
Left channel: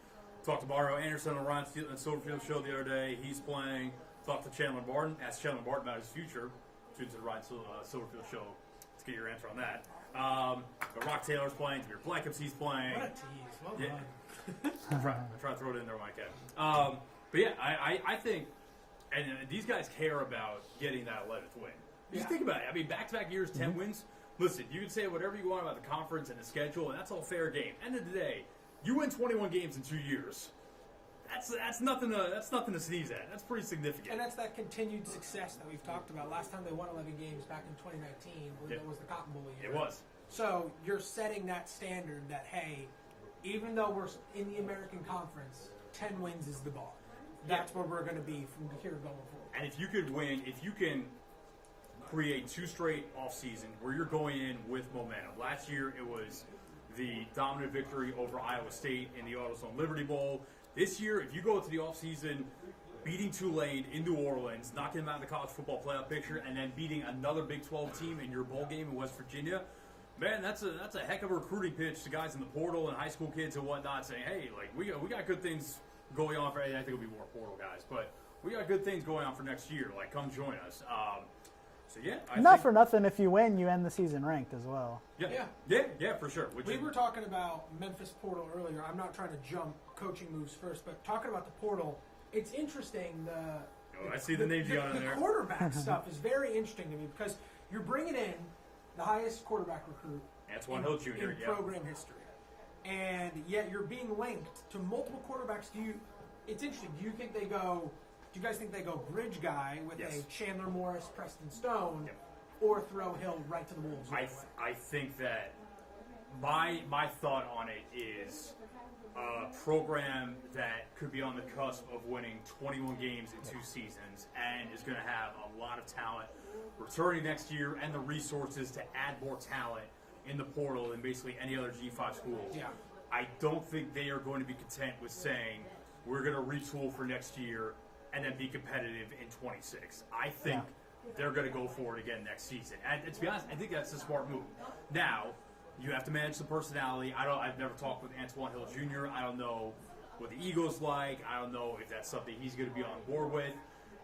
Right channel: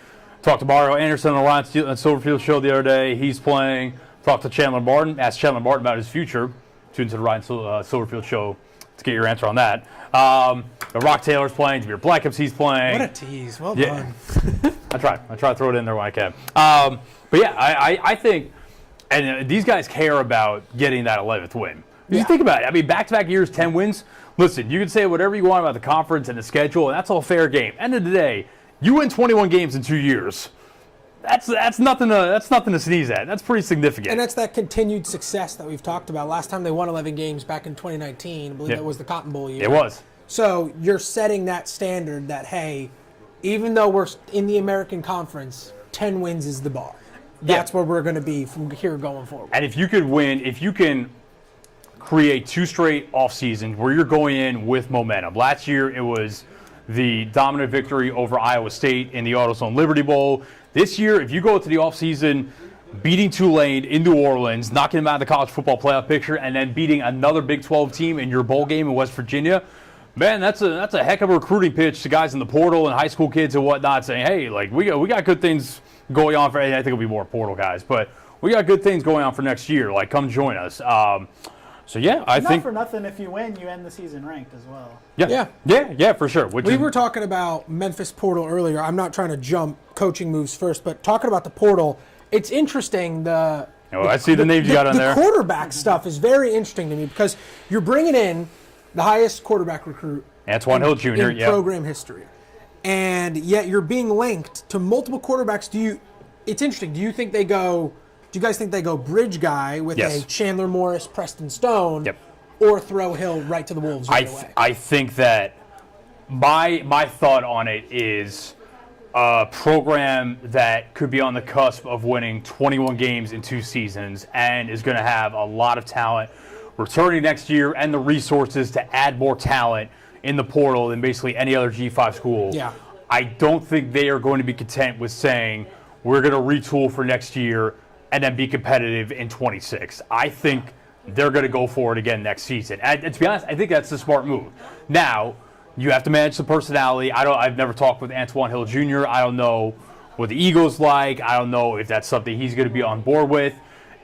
Talked to Mario Anderson on the Ryan Silverfield Show the other day. He's playing. Talked to Chandler Martin. Asked Chandler Martin about his future. Tune to the Ryan Silverfield Show to get your answer on that. Rock Taylor's playing. Jameer Blackham's he's playing. What a tease! Well Yeah. done. I try to throw it in there when I can. But yeah, I think, and these guys care about getting that 11th win. Because you think about it. I mean, back-to-back years, 10 wins. Listen, you can say whatever you want about the conference and the schedule, and that's all fair game. End of the day, you win 21 games in 2 years. that's nothing to sneeze at. That's pretty significant. And that's that continued success that we've talked about. Last time they won 11 games back in 2019. I believe that was the Cotton Bowl year. It was. So you're setting that standard that, hey, even though we're in the American Conference, 10 wins is the bar. That's where we're going to be from here going forward. And if you can create 2 straight off seasons where you're going in with momentum. Last year it was the dominant victory over Iowa State in the AutoZone Liberty Bowl. This year, if you go into the offseason beating Tulane in New Orleans, knocking them out of the college football playoff picture, and then beating another Big 12 team in your bowl game in West Virginia, man, that's a heck of a recruiting pitch to guys in the portal and high school kids and whatnot, saying, hey, like we got good things going on for. I think it'll be more portal guys, but we got good things going on for next year. Like, come join us. So yeah, I think not for nothing. If you win, you end the season ranked as well. Yeah, for sure. We were talking about Memphis portal earlier. I'm not trying to jump coaching moves first, but talking about the portal, it's interesting. I see the names you got on there. The quarterback stuff is very interesting to me because you're bringing in the highest quarterback recruit, Antoine Hill Jr. in program history, and yet you're being linked to multiple quarterbacks. It's interesting. Do you guys think they go bridge guy with a Chandler Morris, Preston Stone, or throw Hill right to the Wolves right away? I think that my thought on it is a program that could be on the cusp of winning 21 games in 2 seasons and is going to have a lot of talent returning next year and the resources to add more talent in the portal than basically any other G5 school. Yeah. I don't think they are going to be content with saying we're going to retool for next year and then be competitive in 26. I think they're going to go for it again next season. And to be honest, I think that's the smart move. Now, you have to manage the personality. I've never talked with Antoine Hill Jr. I don't know what the ego's like. I don't know if that's something he's going to be on board with.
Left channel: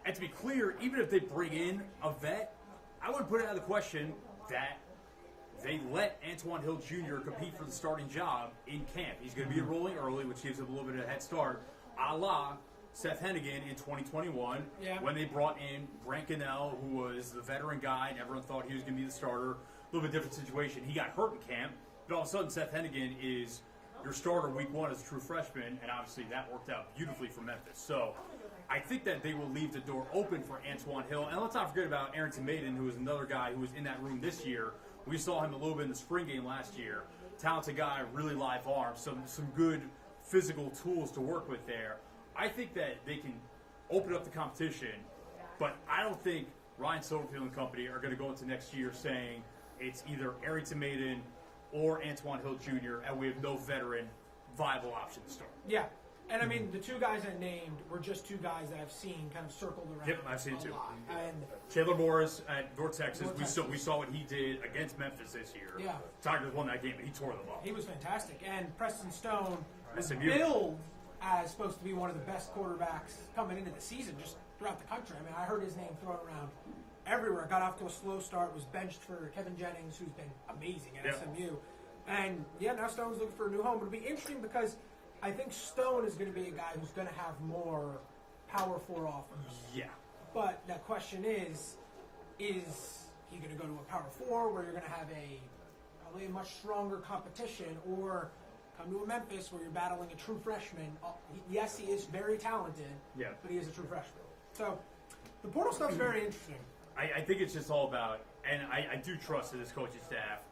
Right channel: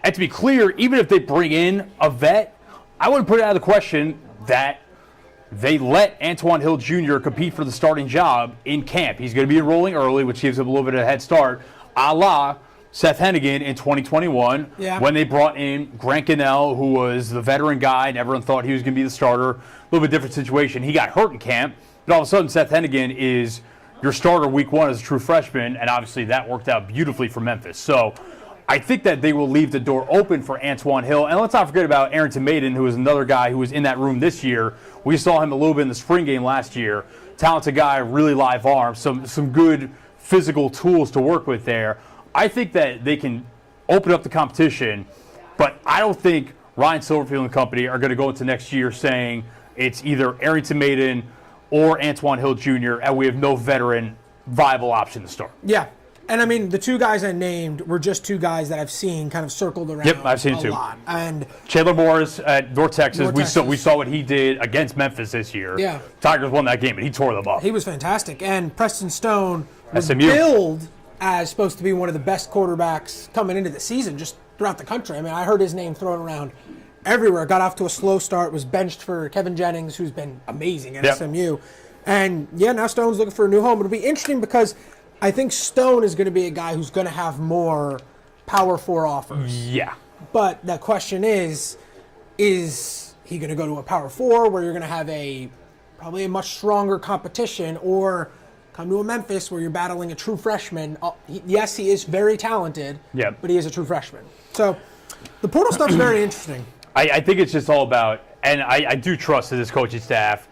And to be clear, even if they bring in a vet, I wouldn't put it out of the question that they let Antoine Hill Jr. compete for the starting job in camp. He's going to be enrolling early, which gives him a little bit of a head start, a la Seth Hennigan in 2021 when they brought in Grant Gunnell, who was the veteran guy, and everyone thought he was going to be the starter. A little bit different situation. He got hurt in camp, but all of a sudden Seth Hennigan is your starter week 1 as a true freshman, and obviously that worked out beautifully for Memphis. So I think that they will leave the door open for Antoine Hill. And let's not forget about Arrington Maiden, who is another guy who was in that room this year. We saw him a little bit in the spring game last year. Talented guy, really live arm, some good physical tools to work with there. I think that they can open up the competition, but I don't think Ryan Silverfield and company are going to go into next year saying it's either Arrington Maiden or Antoine Hill Jr., and we have no veteran viable option to start. Yeah. And I mean, the 2 guys I named were just 2 guys that I've seen kind of circled around. Yep, I've seen a too. lot. And Chandler Morris at North Texas, North Texas. We saw what he did against Memphis this year. Yeah. Tigers won that game, and he tore them up. He was fantastic. And Preston Stone was SMU. billed as supposed to be one of the best quarterbacks coming into the season just throughout the country. I mean, I heard his name thrown around everywhere. Got off to a slow start, was benched for Kevin Jennings, who's been amazing at SMU. And, now Stone's looking for a new home. It'll be interesting because I think Stone is going to be a guy who's going to have more Power 4 offers. Yeah. But the question is he going to go to a Power 4 where you're going to have probably a much stronger competition, or come to a Memphis where you're battling a true freshman? Yes, he is very talented, but he is a true freshman. So the portal stuff's very interesting. I think it's just all about, and I do trust this coaching staff.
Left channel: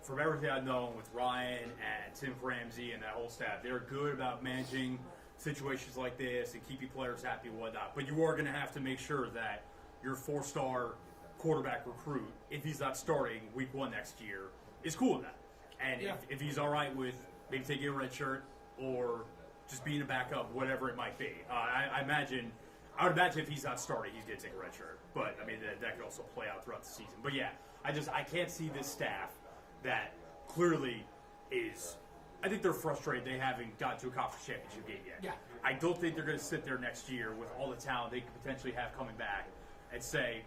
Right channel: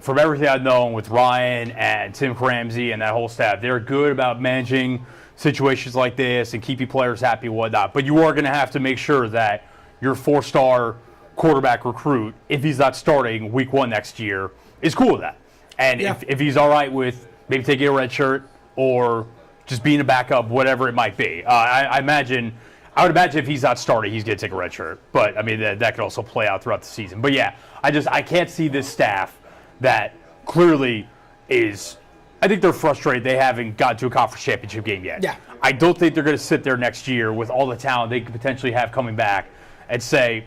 From everything I've known with Ryan and Tim Ramsey and that whole staff, they're good about managing situations like this and keeping players happy and whatnot. But you are going to have to make sure that your 4-star quarterback recruit, if he's not starting week 1 next year, is cool with that. And if he's all right with maybe taking a red shirt or just being a backup, whatever it might be. I would imagine if he's not starting, he's going to take a red shirt. But, I mean, that could also play out throughout the season. But, yeah, I can't see this staff that clearly is – I think they're frustrated they haven't got to a conference championship game yet. Yeah. I don't think they're going to sit there next year with all the talent they could potentially have coming back and say,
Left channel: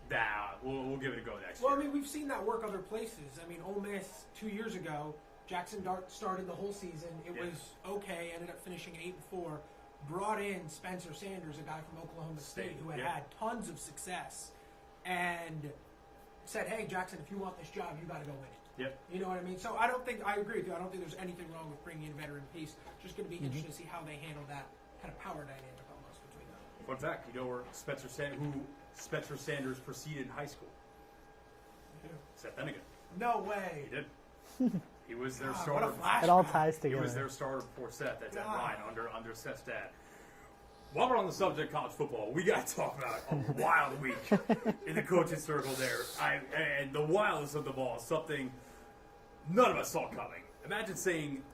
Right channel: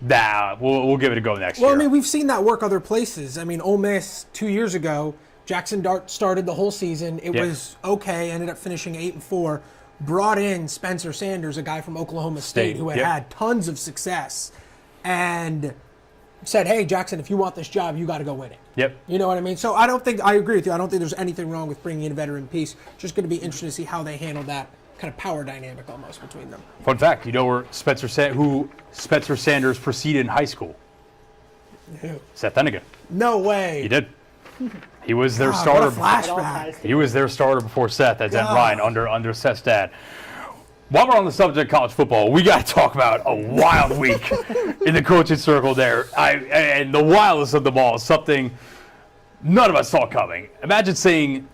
nah, we'll give it a go next year. Well, I mean, we've seen that work other places. I mean, Ole Miss 2 years ago, Jackson Dart started the whole season. It was okay, ended up finishing 8-4. Brought in Spencer Sanders, a guy from Oklahoma State who had tons of success. And said, hey, Jackson, if you want this job, you got to go win it. Yep. You know what I mean? So I agree with you. I don't think there's anything wrong with bringing in a veteran piece. Just going to be interesting to see how they handle that kind of power dynamic almost between them. Fun fact, you know where who Spencer Sanders preceded in high school? Who? Seth Hennigan. No way. He did. He was their What a starter. It all flashback. ties He was their starter before Seth at Zen God. Ryan under Seth's dad. While we're on the subject of college football, we got to talk about a wild week in the coaching circle there. And the wildest of them all is something none of us saw coming. Imagine saying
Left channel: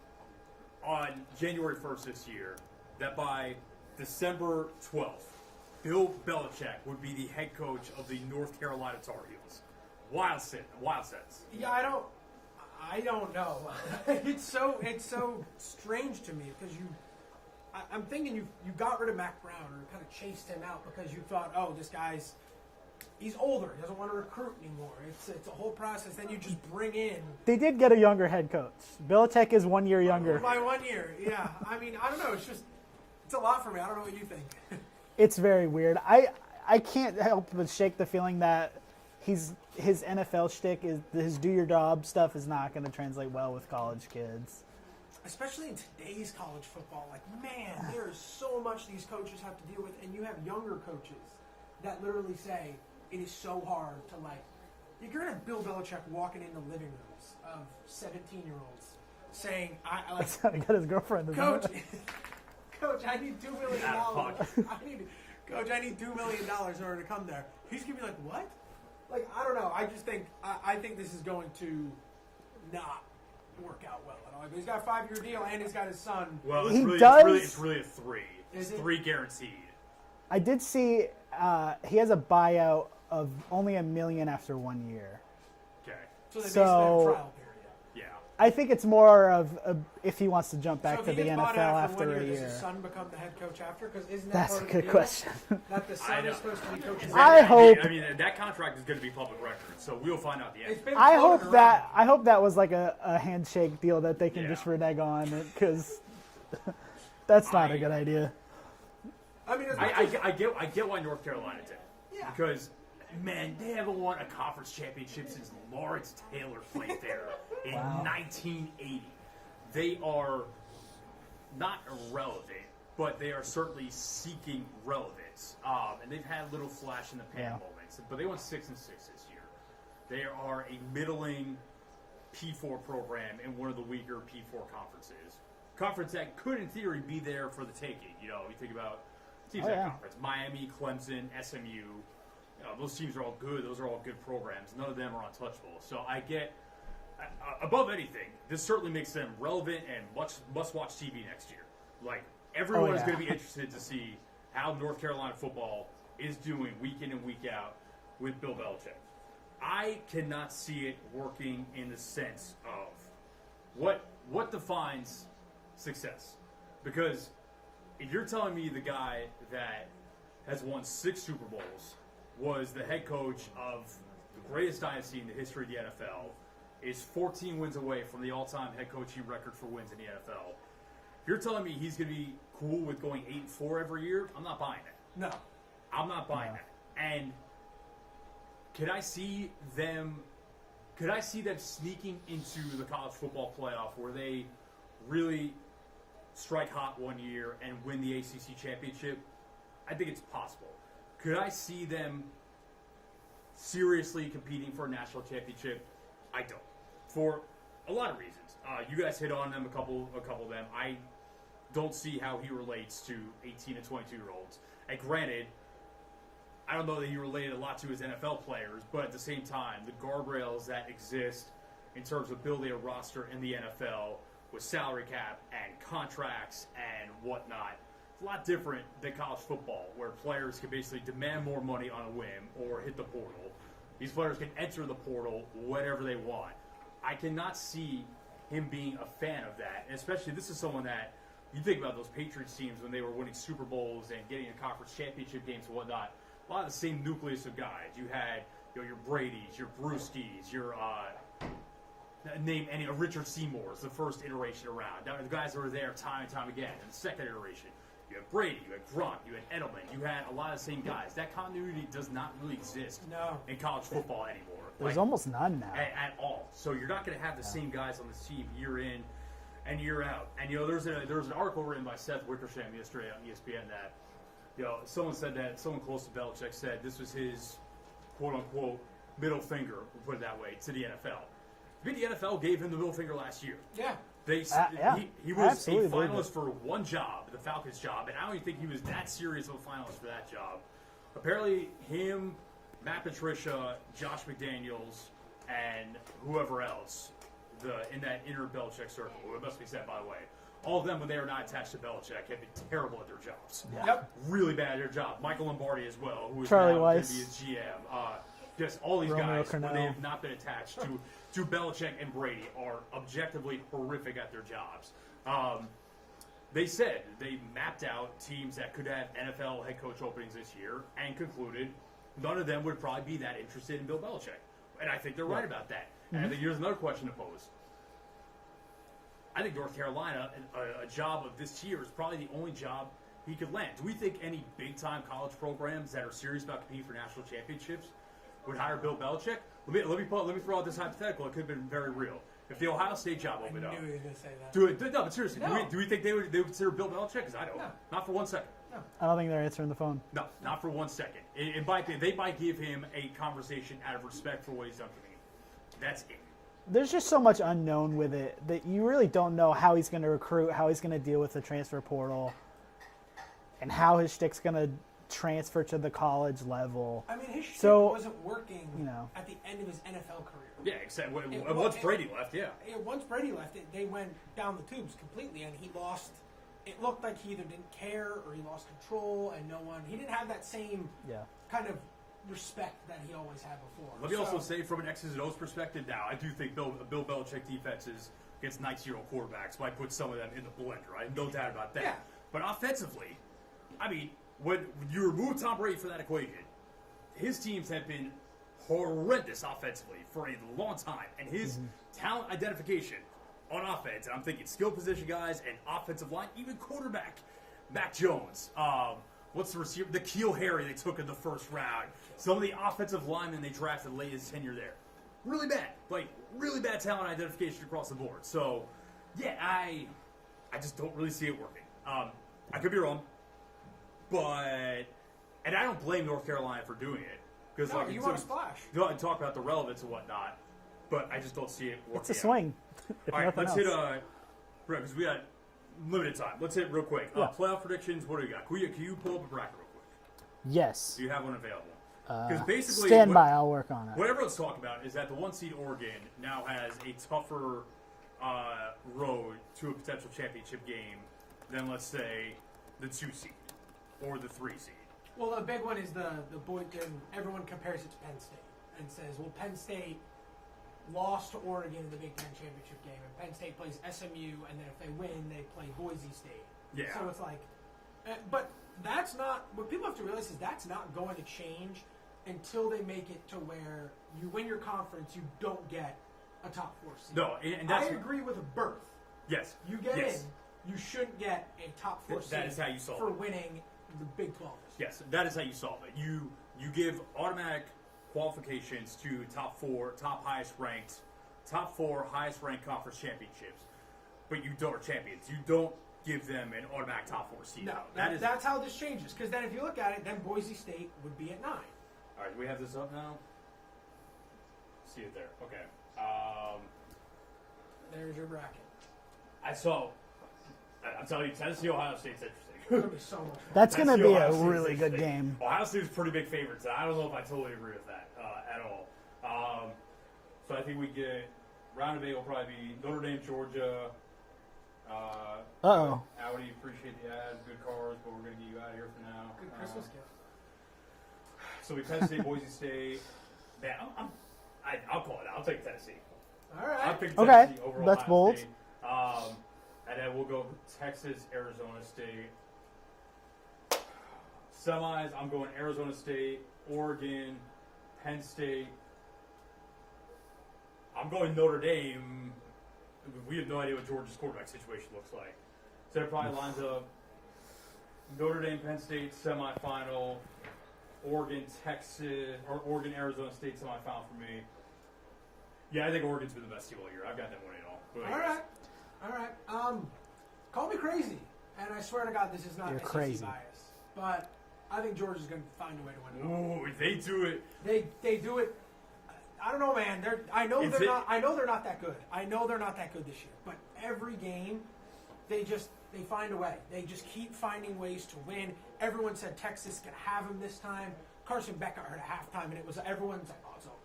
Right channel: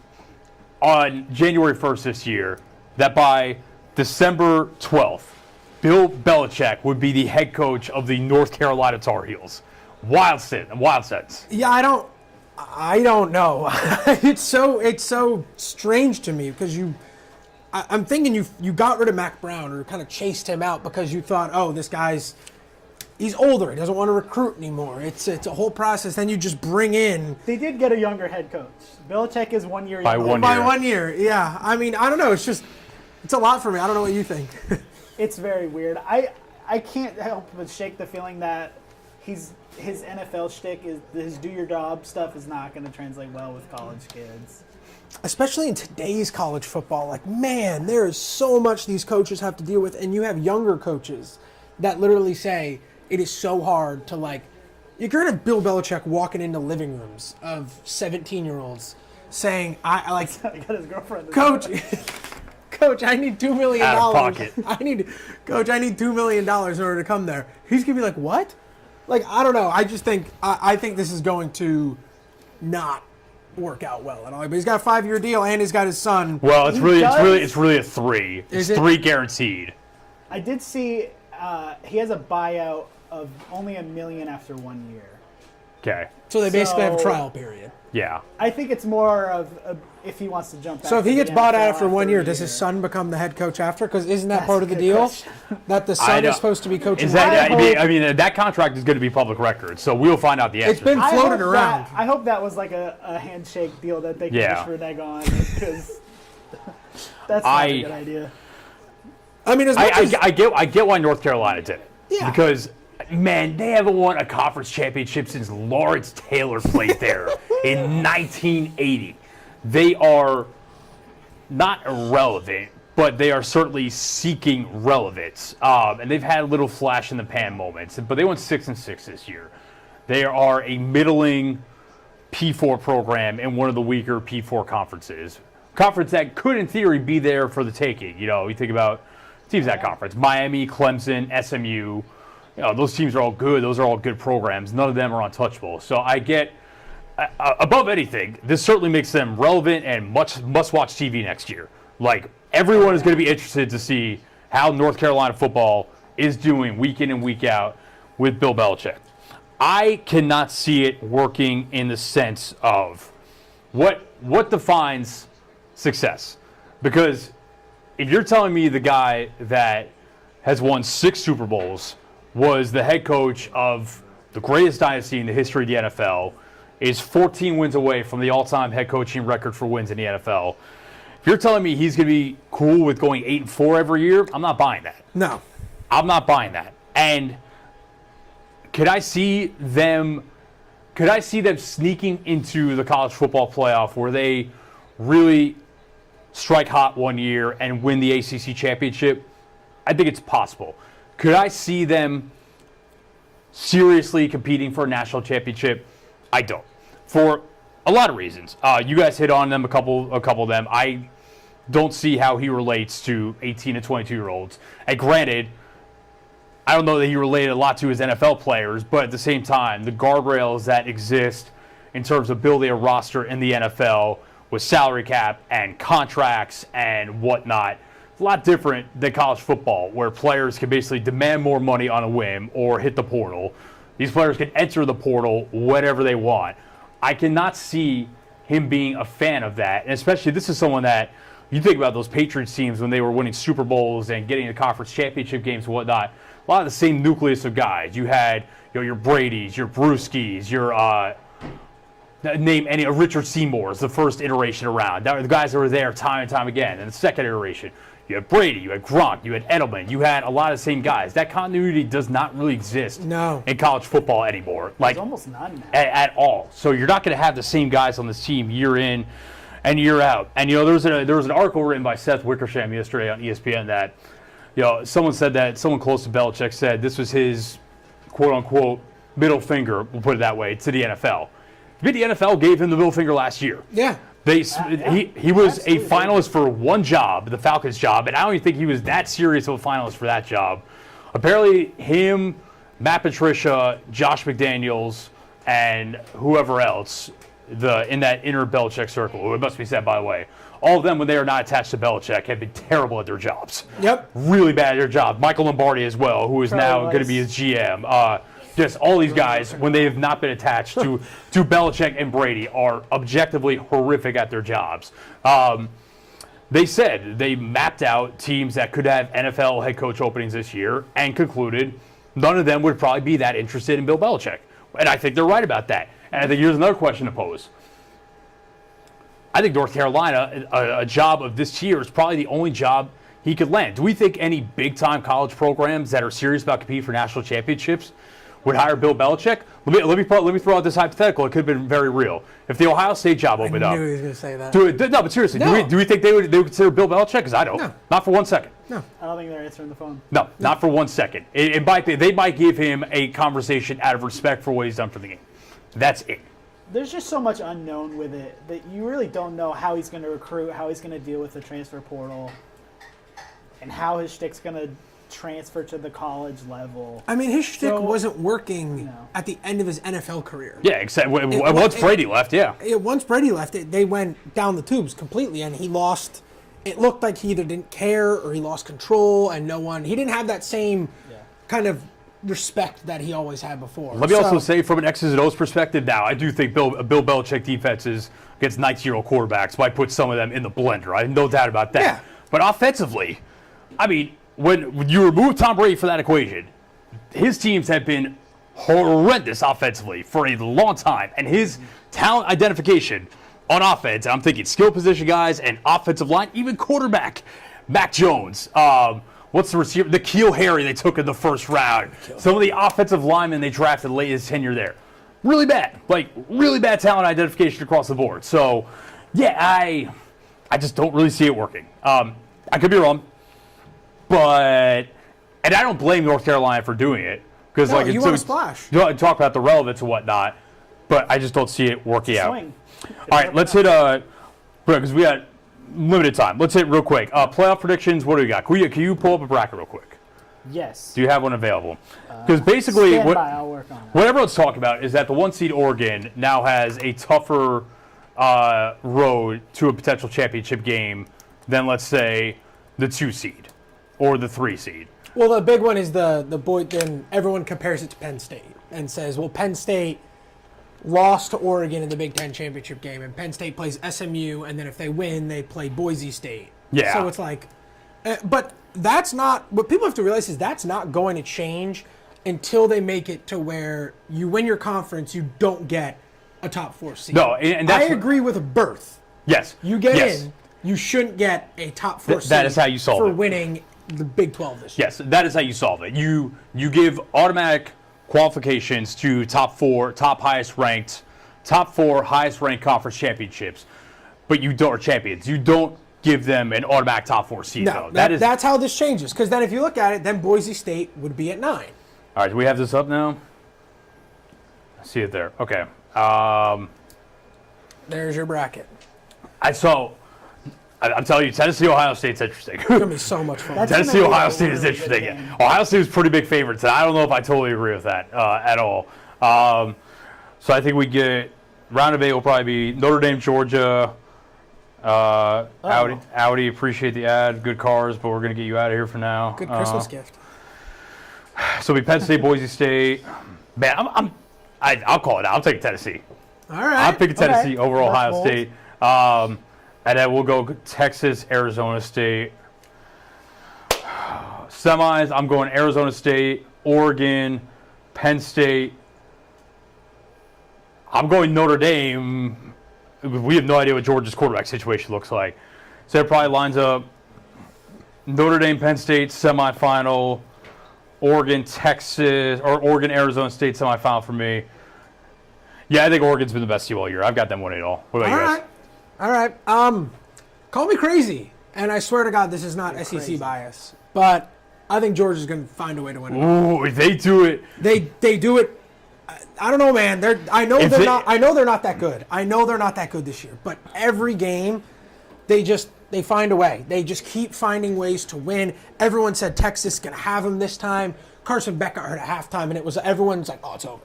on January 1st this year that by December 12th, Bill Belichick would be the head coach of the North Carolina Tar Heels. Wild sense. Yeah, I don't know. It's so strange to me because I'm thinking you got rid of Mac Brown or kind of chased him out because you thought, oh, this guy's he's older. He doesn't want to recruit anymore. It's a whole process. Then you just bring in. They did get a younger head coach. Belichick is 1 year younger. By 1 year, yeah. I mean, I don't know. It's a lot for me. I don't know what you think. It's very weird. I can't help but shake the feeling that his NFL shtick is his do your job stuff is not going to translate well with college kids. Especially in today's college football, like, man, there is so much these coaches have to deal with, and you have younger coaches that literally say it is so hard to, like, you're going to have Bill Belichick walking into living rooms of 17-year-olds saying, I like, He got his girlfriend. Coach, I need $2 million. Out of pocket. Coach, I need $2 million in order to come there. He's going to be like, what? Like, I don't know. I just think, I think this is going to not work out well at all. But he's got a 5-year deal and he's got his son. Well, He does- it's really a 3. Is It's it? 3 guaranteed. I did see he has a buyout of only $1 million after 1 year. Okay. So they basically have a So- trial period. Yeah. I think it's more of if he wants to jump back. So if to he the gets bought out NFL after 1 year, a does his son become the head coach after? Because isn't that That's part a of the good deal? question. That the I son know. is supposed to be coaching? Is that, I I mean, that contract is going to be public record, so we'll find out the answer. It's been I floated hope around. I hope that was like a handshake deal that they can Yeah. just renege on because that's not a good idea. I mean, as much as, I get why North Carolina did it. Yeah. Because, man, they haven't won a conference championship since Lawrence Taylor played there in 1980. They are not irrelevant, but they are certainly seeking relevance. And they've had little flash in the pan moments, but they went 6-6 this year. They are a middling P4 program in one of the weaker P4 conferences. Conference that could, in theory, be there for the taking. You know, you think about teams in that conference: Miami, Clemson, SMU. You know, those teams are all good. Those are all good programs. None of them are untouchable. So I get, above anything, this certainly makes them relevant and must-watch TV next year. Like, everyone is going to be interested to see how North Carolina football is doing week in and week out with Bill Belichick. I cannot see it working in the sense of what defines success. Because if you're telling me the guy that has won 6 Super Bowls was the head coach of the greatest dynasty in the history of the NFL, is 14 wins away from the all-time head coaching record for wins in the NFL. If you're telling me he's going to be cool with going 8-4 every year, I'm not buying that. no. I'm not buying that. And could I see them sneaking into the college football playoff where they really strike hot 1 year and win the ACC championship? I think it's possible. Could I see them seriously competing for a national championship? I don't. For a lot of reasons. You guys hit on them, a couple of them. I don't see how he relates to 18 and 22-year-olds. And granted, I don't know that he related a lot to his NFL players, but at the same time, the guardrails that exist in terms of building a roster in the NFL with salary cap and contracts and whatnot, a lot different than college football, where players can basically demand more money on a whim or hit the portal. These players can enter the portal whenever they want. I cannot see him being a fan of that, and especially this is someone that you think about those Patriots teams when they were winning Super Bowls and getting to conference championship games and whatnot. A lot of the same nucleus of guys. You had, your Bradys, your Brewskis, your name any Richard Seymour's, the first iteration around. The guys that were there time and time again. And the second iteration, You had Brady, you had Gronk, you had Edelman, you had a lot of the same guys. That continuity does not really exist in college football anymore. There's almost none now. At all. So you're not going to have the same guys on this team year in and year out. And, there was an article written by Seth Wickersham yesterday on ESPN that, someone said that, someone close to Belichick said this was his, quote-unquote, middle finger, we'll put it that way, to the NFL. The NFL gave him the middle finger last year. Yeah. He was a finalist for one job, the Falcons job, and I don't even think he was that serious of a finalist for that job. Apparently, him, Matt Patricia, Josh McDaniels, and whoever else in that inner Belichick circle, it must be said, by the way, all of them, when they are not attached to Belichick, have been terrible at their jobs. Yep. Really bad at their job. Michael Lombardi as well, who is now going to be his GM. Just all these guys, when they have not been attached to Belichick and Brady, are objectively horrific at their jobs. They said they mapped out teams that could have NFL head coach openings this year and concluded none of them would probably be that interested in Bill Belichick. And I think they're right about that. And I think here's another question to pose. I think North Carolina, a job of this tier, is probably the only job he could land. Do we think any big-time college programs that are serious about competing for national championships would hire Bill Belichick? Let me throw out this hypothetical. It could have been very real. If the Ohio State job opened up. I knew he was going to say that. No, but seriously, No. do we think they would consider Bill Belichick? Because I don't. No. Not for 1 second. No. I don't think they're answering the phone. No, not for 1 second. They might give him a conversation out of respect for what he's done for the game. That's it. There's just so much unknown with it that you really don't know how he's going to recruit, how he's going to deal with the transfer portal, and how his shtick's going to transfer to the college level. I mean, his shtick wasn't working at the end of his NFL career. Yeah, except once Brady left, yeah. Once Brady left, they went down the tubes completely, and he lost. It looked like he either didn't care or he lost control, and he didn't have that same kind of respect that he always had before. Let me also say, from an X's and O's perspective, now I do think Bill Belichick defenses against 19-year-old quarterbacks might put some of them in the blender. I have no doubt about that. Yeah. But offensively, I mean, when you remove Tom Brady from that equation, his teams have been horrendous offensively for a long time, and his talent identification on offense, I'm thinking skill position guys and offensive line, even quarterback, Mac Jones. What's the receiver? The N'Keal Harry they took in the first round. Some of the offensive linemen they drafted late in his tenure there. Really bad. Really bad talent identification across the board. So, yeah, I just don't really see it working. I could be wrong. And I don't blame North Carolina for doing it. Because you want to splash. You talk about the relevance and whatnot, but I just don't see it working out. Swing. All right, let's hit because we got limited time. Let's hit real quick. Playoff predictions. What do we got? Can you pull up a bracket real quick? Yes. Do you have one available? Because basically, stand by, I'll work on it. What everyone's talking about is that the 1 seed Oregon now has a tougher road to a potential championship game than, let's say, the 2 seed or the 3 seed. Well, the big one is the boy. Then everyone compares it to Penn State and says, "Well, Penn State lost to Oregon in the Big Ten championship game, and Penn State plays SMU, and then if they win, they play Boise State." Yeah. So it's like, but that's not what people have to realize is that's not going to change until they make it to where you win your conference, you don't get a top 4 seed. No, and that's I agree with a berth. Yes. You get in, you shouldn't get a top 4 seed. That is how you solve for it. winning the Big 12 this year. Yes, that is how you solve it. You give automatic qualifications to top 4 highest ranked conference championships, but you don't, or champions. You don't give them an automatic top 4 seed. No, though. that's how this changes. Because then if you look at it, then Boise State would be at 9. All right, do we have this up now? I see it there. Okay. There's your bracket. I'm telling you, Tennessee, Ohio State's interesting. It's going to be so much fun. That's gonna Tennessee, be Ohio a State is really good interesting. game. Ohio State is pretty big favorites, and I don't know if I totally agree with that at all. So I think we get round of 8 will probably be Notre Dame, Georgia. Audi, appreciate the ad. Good cars, but we're going to get you out of here for now. Good Christmas gift. So it'll be Penn State, Boise State. Man, I'll call it out. I'm taking Tennessee. All right. I'm picking Tennessee over That's Ohio bold. State. And then we'll go Texas, Arizona State. Semis, I'm going Arizona State, Oregon, Penn State. I'm going Notre Dame. We have no idea what Georgia's quarterback situation looks like. So it probably lines up Notre Dame, Penn State semifinal. Oregon, Texas, or Oregon, Arizona State semifinal for me. Yeah, I think Oregon's been the best team all year. I've got them winning it all. What about you guys? All right. Call me crazy, and I swear to God, this is not You're SEC crazy. bias, but I think Georgia's going to find a way to win it. Ooh, if they do it. They do it. I don't know, man. I know they're not that good. I know they're not that good this year. But every game, they find a way. They just keep finding ways to win. Everyone said Texas can have them this time. Carson Beck got hurt at halftime, and everyone's like, oh, it's over.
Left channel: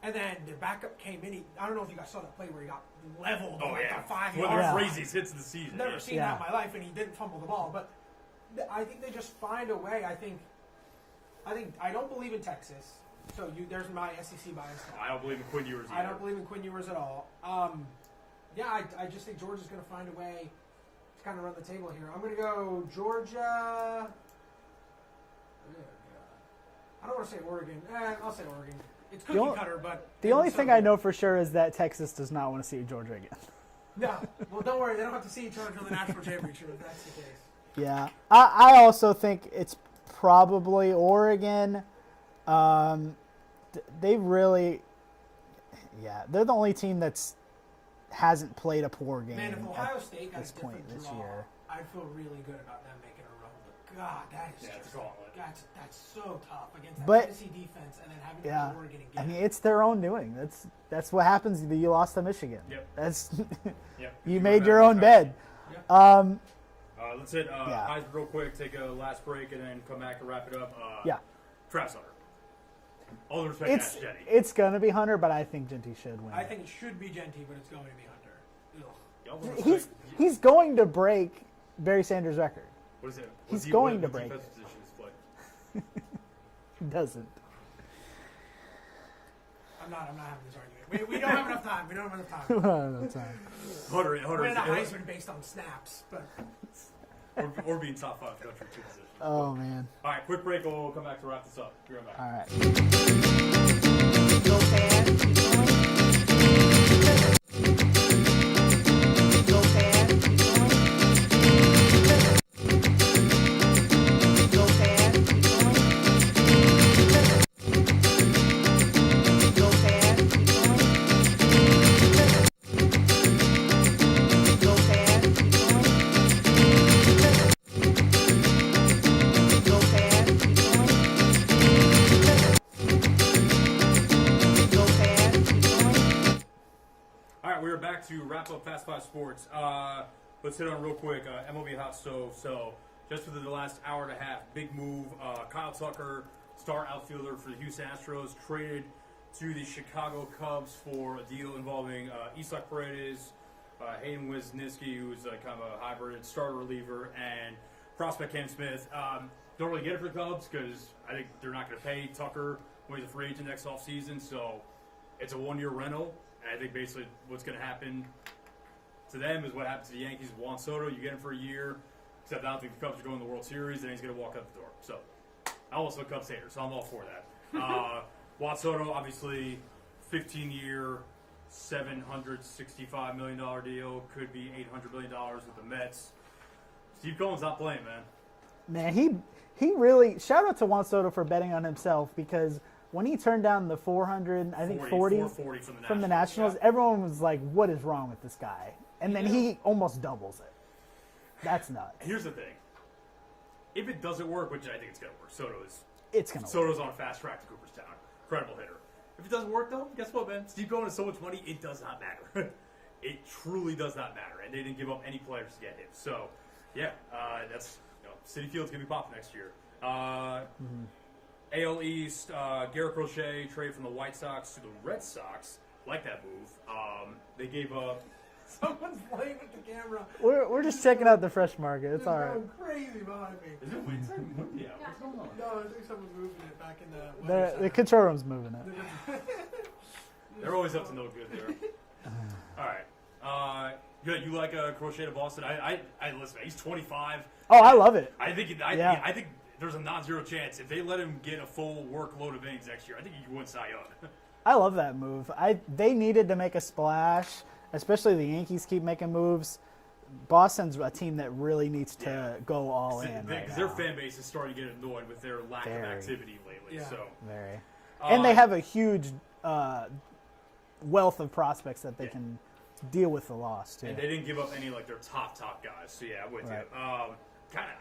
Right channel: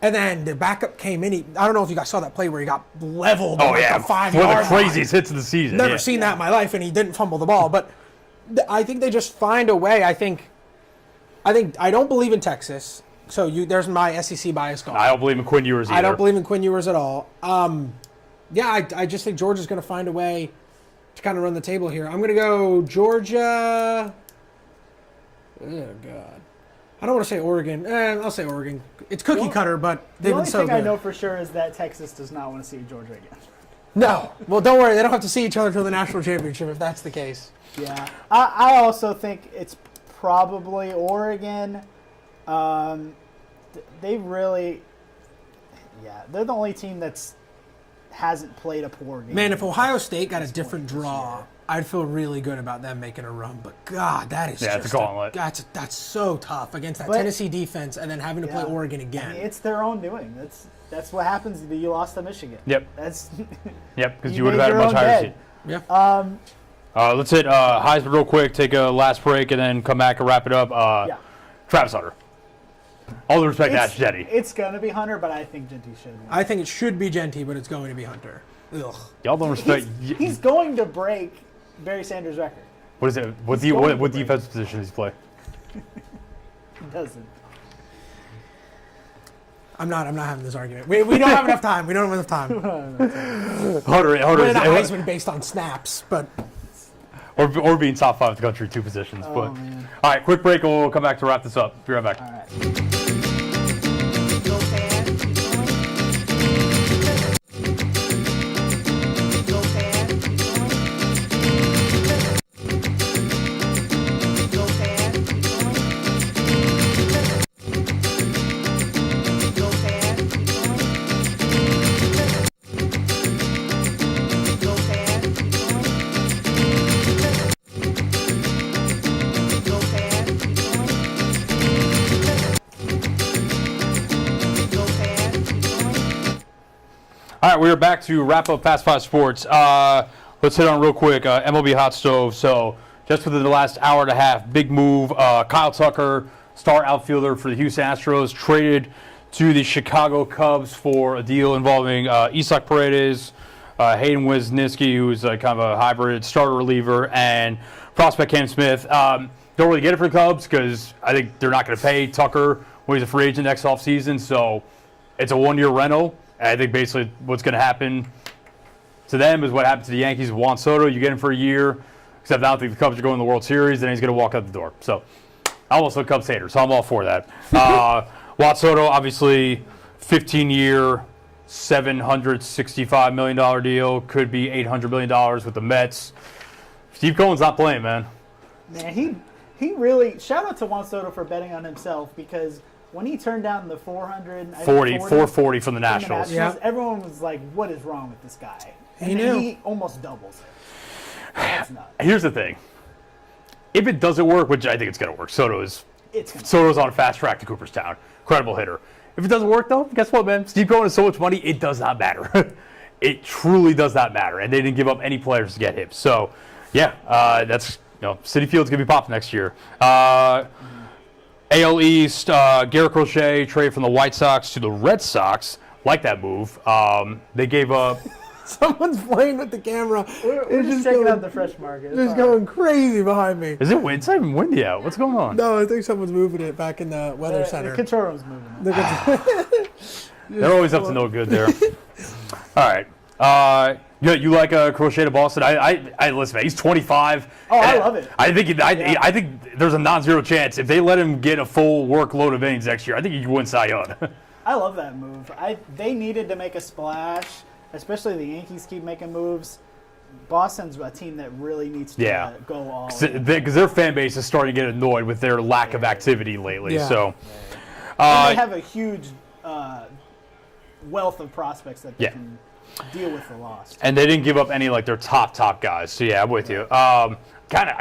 And then the backup came in. I don't know if you guys saw that play where he got leveled. Oh, on yeah. the 5 One of yard the line. craziest hits of the season. Never seen that in my life, and he didn't fumble the ball. But I think they just find a way. I don't believe in Texas. So there's my SEC bias gone. I don't believe in Quinn Ewers either. I don't believe in Quinn Ewers at all. I just think Georgia's going to find a way to kind of run the table here. I'm going to go Georgia. Oh, God. I don't want to say Oregon. I'll say Oregon. It's cookie cutter, but The only thing I know for sure is that Texas does not want to see Georgia again. No. Well, don't worry. They don't have to see each other until the national championship if that's the case. Yeah. I also think it's probably Oregon. They really, they're the only team that's hasn't played a poor game. Man, if Ohio State got a this different point this draw, year. I'd feel really good about them making a run. But God, that is it's a gauntlet. That's so tough against that But- Tennessee defense, and then having to play Oregon again. I mean, it's their own doing. That's what happens. You lost to Michigan. Yep. That's Yep. Because you would have made had your a much own higher bed. seed. Yeah. Let's hit Heisman real quick, take a last break, and then come back and wrap it up. Travis Hunter. All the respect to Ash Jetty. It's gonna be Hunter, but I think Genty should win. I think it should be Genty, but it's going to be Hunter. Ugh. Y'all don't respect. He's going to break Barry Sanders' record. What is it? What he's going to what break. defensive position does he play? He doesn't. I'm not having this argument. We don't have enough time. We don't have enough time. Hunter We're not Heisman based on snaps, but or being top 5 in the country, 2 positions. Oh, man. All right, quick break, and we'll come back to wrap this up. Be right back. All right. Go fast, keep going. Go fast, keep going. Go fast, keep going. Go fast, keep going. Go fast, keep going. Go fast, keep going. Go fast, keep going. All right, we are back to wrap up Fast 5 Sports. Let's hit on real quick MLB Hot Stove. So just within the last hour and a half, big move. Kyle Tucker, star outfielder for the Houston Astros, traded to the Chicago Cubs for a deal involving Isak Paredes, Hayden Wesneski, who's kind of a hybrid starter reliever, and prospect Cam Smith. Don't really get it for the Cubs because I think they're not going to pay Tucker when he's a free agent next offseason. So it's a 1-year rental. I think basically what's going to happen to them is what happened to the Yankees with Juan Soto. You get him for a year, except I don't think the Cubs are going to the World Series, and he's going to walk out the door. So I'm also a Cubs hater, so I'm all for that. Juan Soto, obviously, 15-year, $765 million deal. Could be $800 million with the Mets. Steve Cohen's not playing, man. Man, he really shout out to Juan Soto for betting on himself because when he turned down the 440 from the Nationals. Everyone was like, "What is wrong with this guy?" And He then knew. he almost doubles it. That's nuts. Here's the thing. If it doesn't work, which I think it's going to work, Soto's on a fast track to Cooperstown. Incredible hitter. If it doesn't work, though, guess what, man? Steve Cohen has so much money, it does not matter. It truly does not matter. And they didn't give up any players to get him. So, yeah, that's, Citi Field's going to be popped next year. AL East, Garrett Crochet traded from the White Sox to the Red Sox. Like that move. They gave up. someone's playing with the camera. We're just checking out the fresh market. It's It's all going crazy behind me. Is it wind? It's not even windy out. What's going on? No, I think someone's moving it back in the weather right. center. The control room's moving it. They're always up to no good there. All right. You like Crochet to Boston? I listen, man. He's 25. Oh, I love it. I think there's a non-zero chance if they let him get a full workload of innings next year. I think he could win Cy Young. I love that move. They needed to make a splash, especially the Yankees keep making moves. Boston's a team that really needs to Yeah. go all in. Because their fan base is starting to get annoyed with their lack of activity lately. Yeah. So, And they have a huge wealth of prospects that they Yeah. can deal with the loss. and they didn't give up any like their top guys. So yeah, I'm with you. I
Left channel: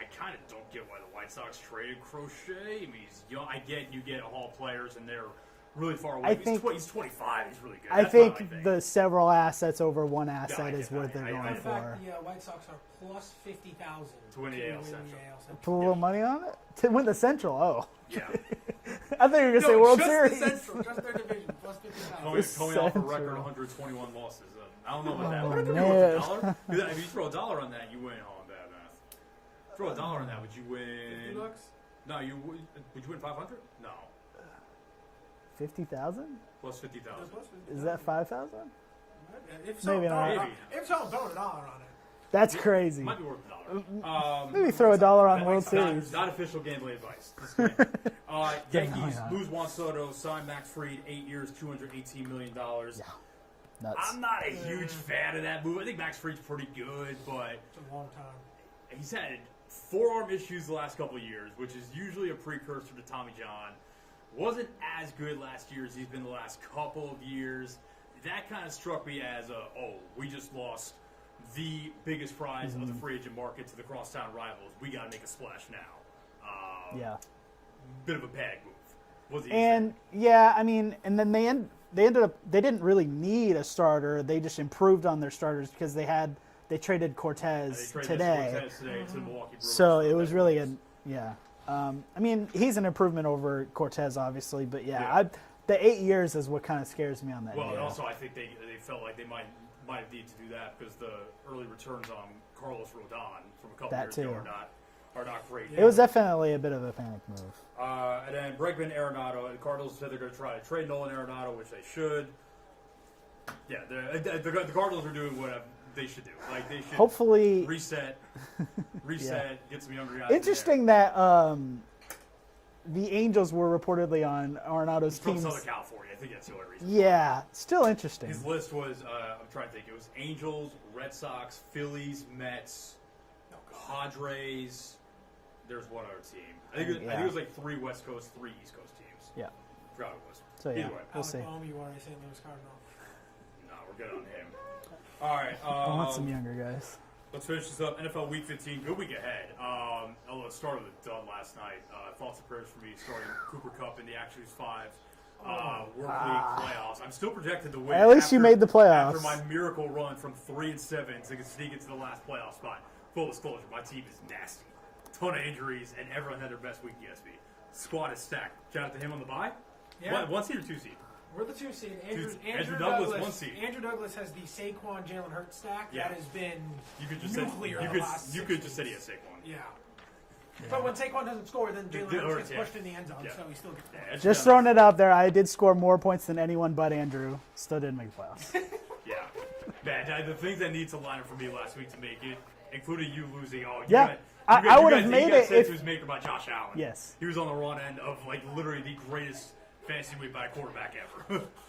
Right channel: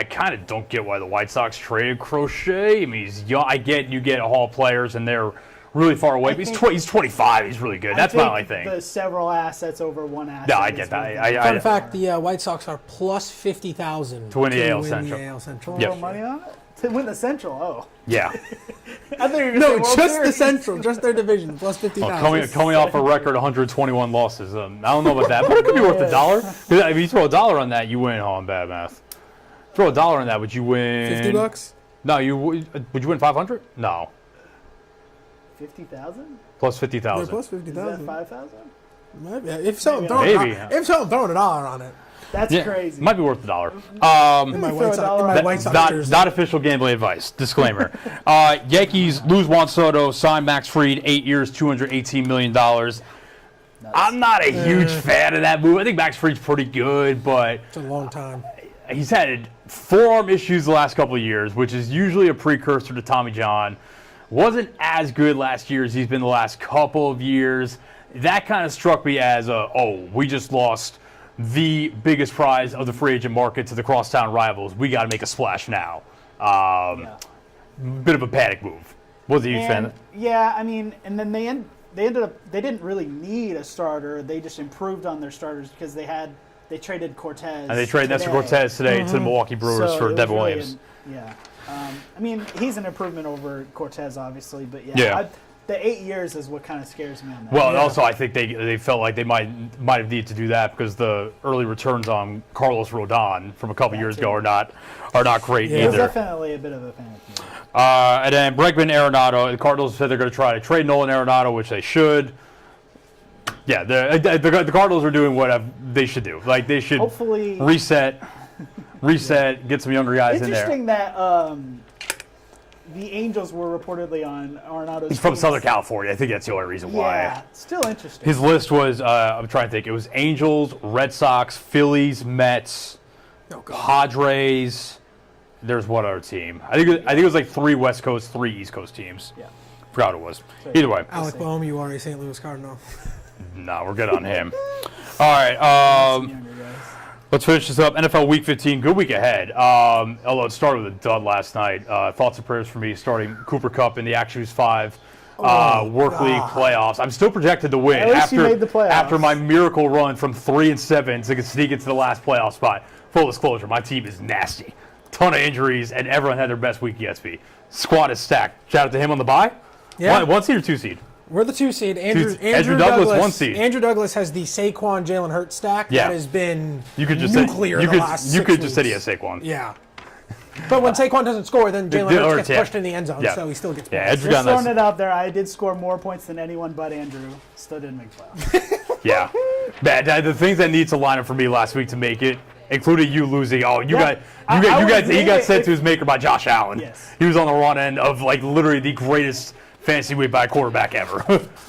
kind of don't get why the White Sox traded Crochet. I mean, he's young. I get you get Hall players and they're really far away. But he's 25. He's really good. That's my only thing. The several assets over one asset. No, I is get that. worth it. Fun fact: the White Sox are plus 50,000 To win the AL win Central. The AL Central. Put a little Yep. money on it to win the Central. Oh, Yeah. I think you're gonna say No, World just Series. the Central, just their division, plus 50,000. Coming off a record 121 losses. I don't know about that, but it could be worth $1. If you throw $1 on that, you win. Oh, I'm bad math. Throw $1 on that, would you win? $50? No, would you win 500? No, 50,000? plus They're 50,000. plus Is 50,000. that 5,000? Maybe. If so, Maybe. throw Maybe. If so, I'm throwing $1 on it. That's Yeah, crazy. Might be worth $1. Maybe My throw White a dollar Sox- on my one White side. Sox- Not official gambling advice. Disclaimer. Yankees lose Juan Soto, sign Max Fried, 8 years, $218 million. I'm not a huge fan of that move. I think Max Fried's pretty good, but It's a long time. he's had forearm issues the last couple of years, which is usually a precursor to Tommy John. Wasn't as good last year as he's been the last couple of years. That kind of struck me as we just lost the biggest prize of the free agent market to the crosstown rivals. We got to make a splash now. Yeah. Bit of a panic move. Was he a huge fan? And yeah, I mean, and then they ended up they didn't really need a starter. They just improved on their starters because they traded Cortez. And they traded Nestor today. Cortez today to the Milwaukee Brewers So for it was Devin really Williams. yeah. I mean, he's an improvement over Cortez, obviously, but yeah, Yeah. the 8 years is what kind of scares me on that. Well, also I think they felt like they might have needed to do that because the early returns on Carlos Rodon from a couple That years too. ago are not great it was either. definitely a bit of a panic move. And then Bregman, Arenado. The Cardinals said they're going to try to trade Nolan Arenado, which they should. Yeah, the Cardinals are doing what they should do. Like they should Hopefully, reset, get some younger guys in there. interesting that the Angels were reportedly on Arenado's He's from teams. Southern California. I think that's the only reason why. Yeah, still interesting. His list was, I'm trying to think, it was Angels, Red Sox, Phillies, Mets, Oh, God. Padres. There's one other team. I think it was like 3 West Coast, 3 East Coast teams. Yeah. Forgot what it was. So, Either way, Alec see. Boehm, you are a St. Louis Cardinal. no, we're good on him. All right, Some younger guys. let's finish this up. NFL Week 15, good week ahead. Although it started with a dud last night. Thoughts and prayers for me starting Cooper Kupp in the Actions 5 work league playoffs. I'm still projected to win. At least you made the playoffs. After my miracle run from 3-7 to sneak into the last playoff spot. Full disclosure, my team is nasty. Ton of injuries, and everyone had their best week yet. Squad is stacked. Shout out to him on the bye. Yeah. One seed or 2 seed? We're the 2 seed. Andrew Douglas, 1 seed. Andrew Douglas has the Saquon Jalen Hurts stack Yeah. that has been You could just nuclear say the last you 6 could just say he weeks. has Saquon. Yeah. But when Saquon doesn't score, then Jalen Hurts gets yeah. pushed in the end zone, Yeah. so he still gets Yeah, points. Andrew Just got throwing nice. it out there, I did score more points than anyone but Andrew. Still didn't make playoffs. Yeah. The things that need to line up for me last week to make it, including you losing. Oh, Yeah. I would've he made got it sent if- to his maker by Josh Allen. Yes. He was on the run end of like literally the greatest fantasy week by a quarterback ever.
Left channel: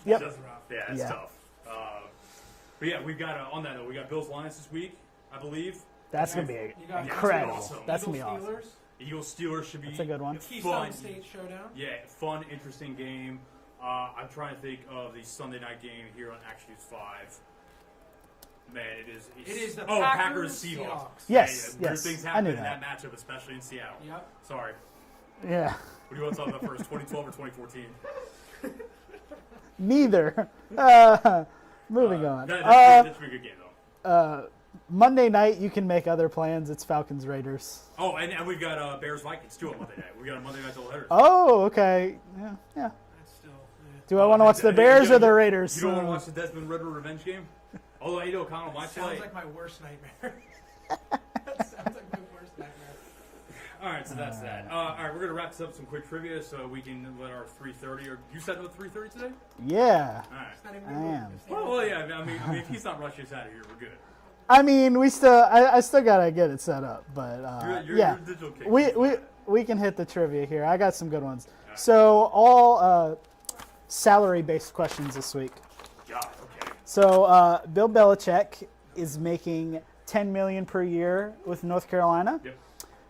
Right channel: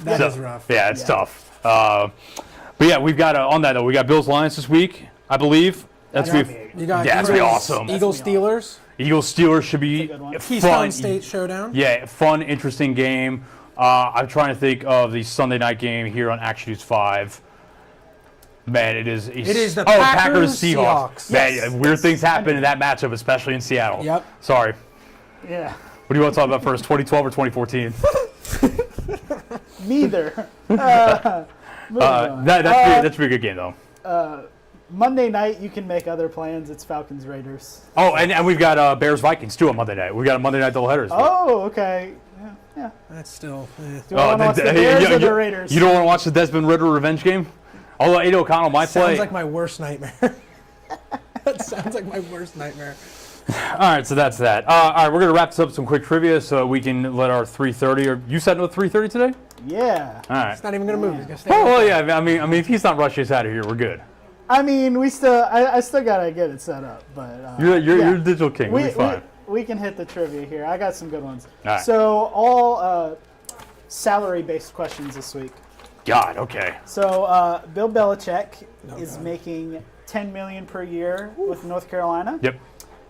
That is rough. Yeah, it's Yeah. tough. But yeah, we've got on that though. We got Bills Lions this week, I believe. That's gonna gonna be You got Yeah, that's gonna be Eagles- awesome. Eagles That's gonna Steelers, Eagles Steelers should be That's a good one. Keystone fun. State showdown. Yeah, fun, interesting game. I'm trying to think of the Sunday night game here on Action News 5. Man, it is the Packers Packers, Seahawks. Seahawks. Man, Yes, weird yes. things I happen knew in that matchup, especially in Seattle. Yep. Sorry. Yeah. What do you want to talk about first, 2012 or 2014? Neither. Moving on. That's a pretty good game, though. Monday night, you can make other plans. It's Falcons Raiders. Oh, and we've got Bears Vikings, too, on Monday night. We've got a Monday night doubleheader. Oh, okay. Yeah. That's still. Do I want to watch the Bears or the Raiders? You don't want to watch the Desmond Ritter revenge game? Although Aiden O'Connell might play. Sounds like my worst nightmare. That sounds like my worst nightmare. All right, so that's that. All right, we're going to wrap this up with some quick trivia so we can let our 3:30. Or you setting with 3:30 today? Yeah. All right. It's not even going to move. It's gonna stay Oh, like well, that. yeah. I mean, if he's not rushing us out of here, we're good. I mean, I still gotta get it set up, but You're yeah. a digital king. We can hit the trivia here. I got some good ones. All right. So all salary-based questions this week. God, okay. So Bill Belichick is making $10 million per year with North Carolina. Yep.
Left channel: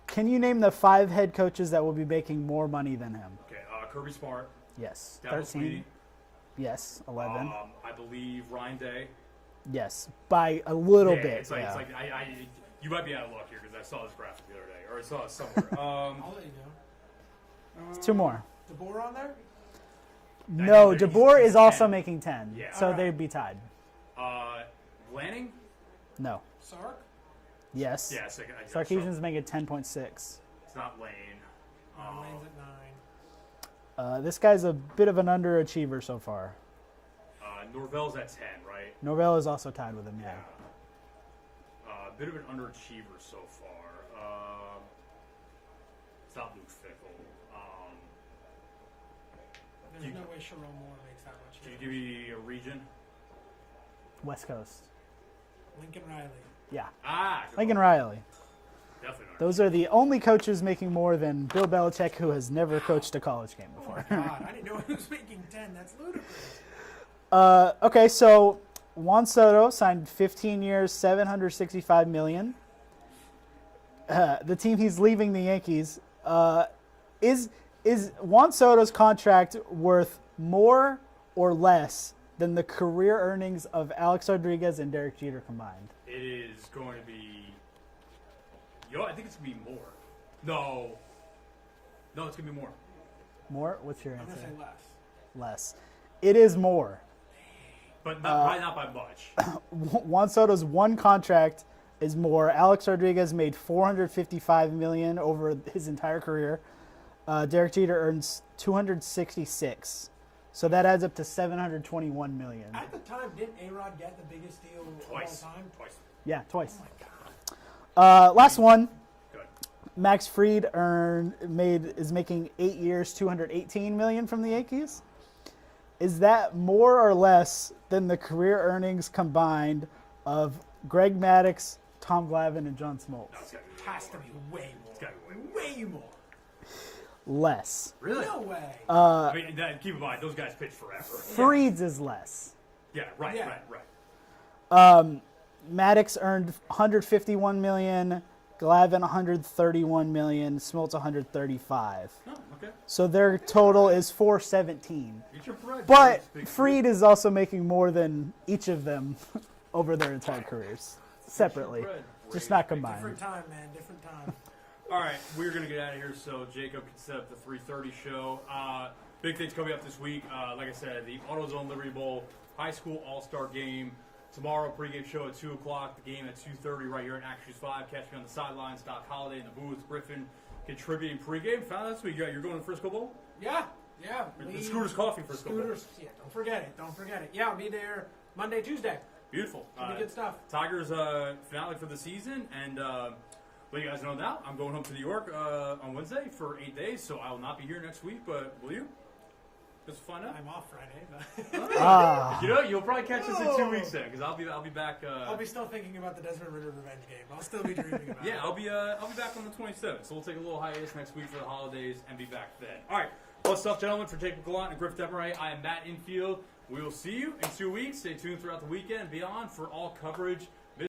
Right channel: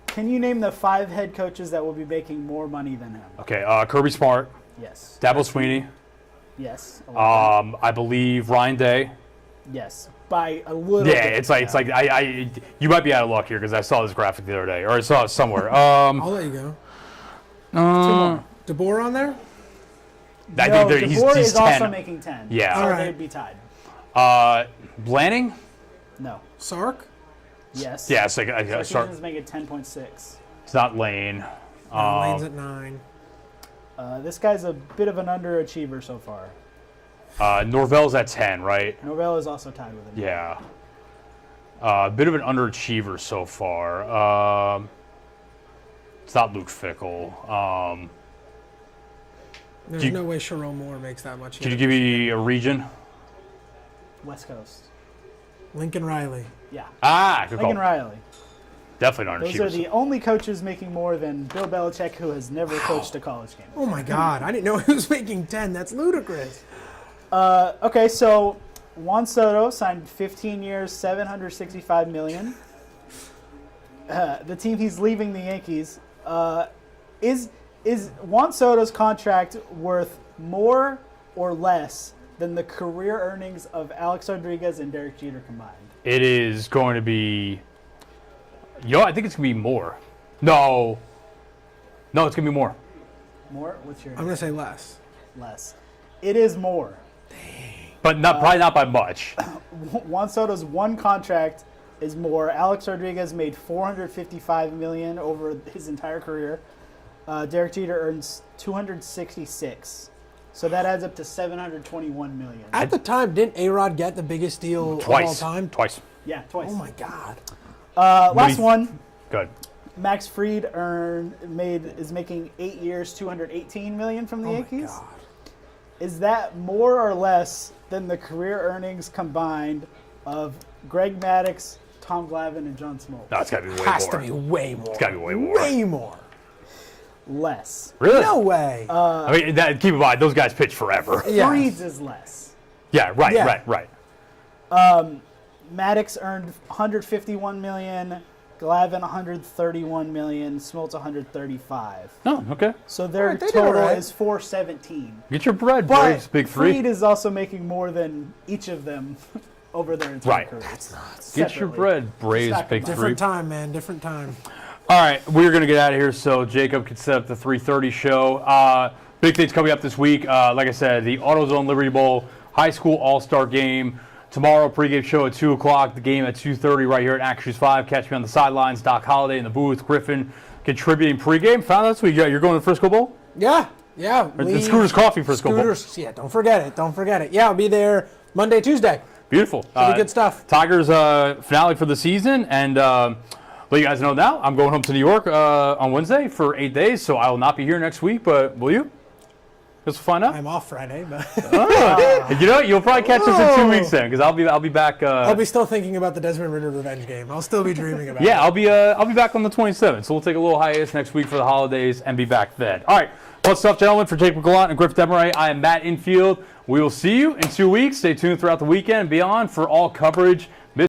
Can you name the 5 head coaches that will be making more money than him? Okay. Kirby Smart, Yes. Dabo Sweeney. Yes. 11. I believe Ryan Day. Yes. By a little Yeah, bit. it's like I you might be out of luck here because I saw this graphic the other day, or I saw it somewhere. I'll let you go. 2 more. DeBoer on there? No, he's DeBoer is 10. also making 10. Yeah. So All right. they'd be tied. Blanning. No. Sark? Yes. Yeah, it's like Sarkisian's making 10.6. it's not Lane. Lane's at 9. This guy's a bit of an underachiever so far. Norvell's at 10, right? Norvell is also tied with him. Yeah. A bit of an underachiever so far. It's not Luke Fickle. There's no way Sherrone Moore makes that much. Could you either. give me a region? West Coast. Lincoln Riley. Yeah. Good Lincoln call. Riley. Definitely not. Those are the only coaches making more than Bill Belichick, who has never coached a college game. Oh my God! I didn't know he was making 10. That's ludicrous. Okay, so Juan Soto signed 15 years, $765 million. The team he's leaving, the Yankees, is Juan Soto's contract worth more or less than the career earnings of Alex Rodriguez and Derek Jeter combined? It is going to be. I think it's going to be more. No, it's going to be more. More? What's your I'm gonna say less. less? It is more. But probably not by much. Juan Soto's one contract is more. Alex Rodriguez made $455 million over his entire career. Derek Jeter earns $266. So that adds up to $721 million. At the time, didn't A-Rod get the biggest deal of all Twice. time? Twice. Yeah, twice. Oh my God. Last one. Good. Max Fried is making 8 years, $218 million from the Yankees. God. Is that more or less than the career earnings combined of Greg Maddux, Tom Glavine, and John Smoltz? No, it's got to be way Has more. to be way more. It's got to be way more. Way more. Less. No Really? way. I mean, keep in mind, those guys pitch forever. Yeah. Fried's is less. Yeah, right. Maddux earned $151 million, Glavine $131 million, Smoltz $135. Oh, okay. So their They did total all right. is $417. Get your bread, But Braves, Big Free. Fried is also making more than each of them over their entire Right. careers. Get your Separately. bread, Braves, not Big combined. Free. Different time, man. Different time. All right, we're going to get out of here so Jacob can set up the 3:30 show. Big things coming up this week. Like I said, the AutoZone Liberty Bowl High School All-Star Game. Tomorrow, pregame show at 2 o'clock. The game at 2:30 right here at Actors 5. Catch me on the sidelines. Doc Holliday in the booth. Griffin contributing pregame. Found out this week. You're going to the Frisco Bowl? Yeah. The Lee- Scooters Coffee Frisco Bowl. Scooters. Yeah, don't forget it. Don't forget it. Yeah, I'll be there Monday, Tuesday. Beautiful. Pretty good stuff. Tigers finale for the season. And let you guys know now, I'm going home to New York on Wednesday for 8 days, so I will not be here next week. But will you? Let's find out. I'm off Friday, but You know, you'll probably catch us in 2 weeks then, because I'll be back. I'll be still thinking about the Desmond Ritter revenge game. I'll still be dreaming about it. Yeah, I'll be back on the 27th. So we'll take a little hiatus next week for the holidays and be back then. All right, well, stuff, gentlemen. For Jake McGlont and Griff Demaray, I am Matt Infield. We will see you in 2 weeks. Stay tuned throughout the weekend and beyond for all coverage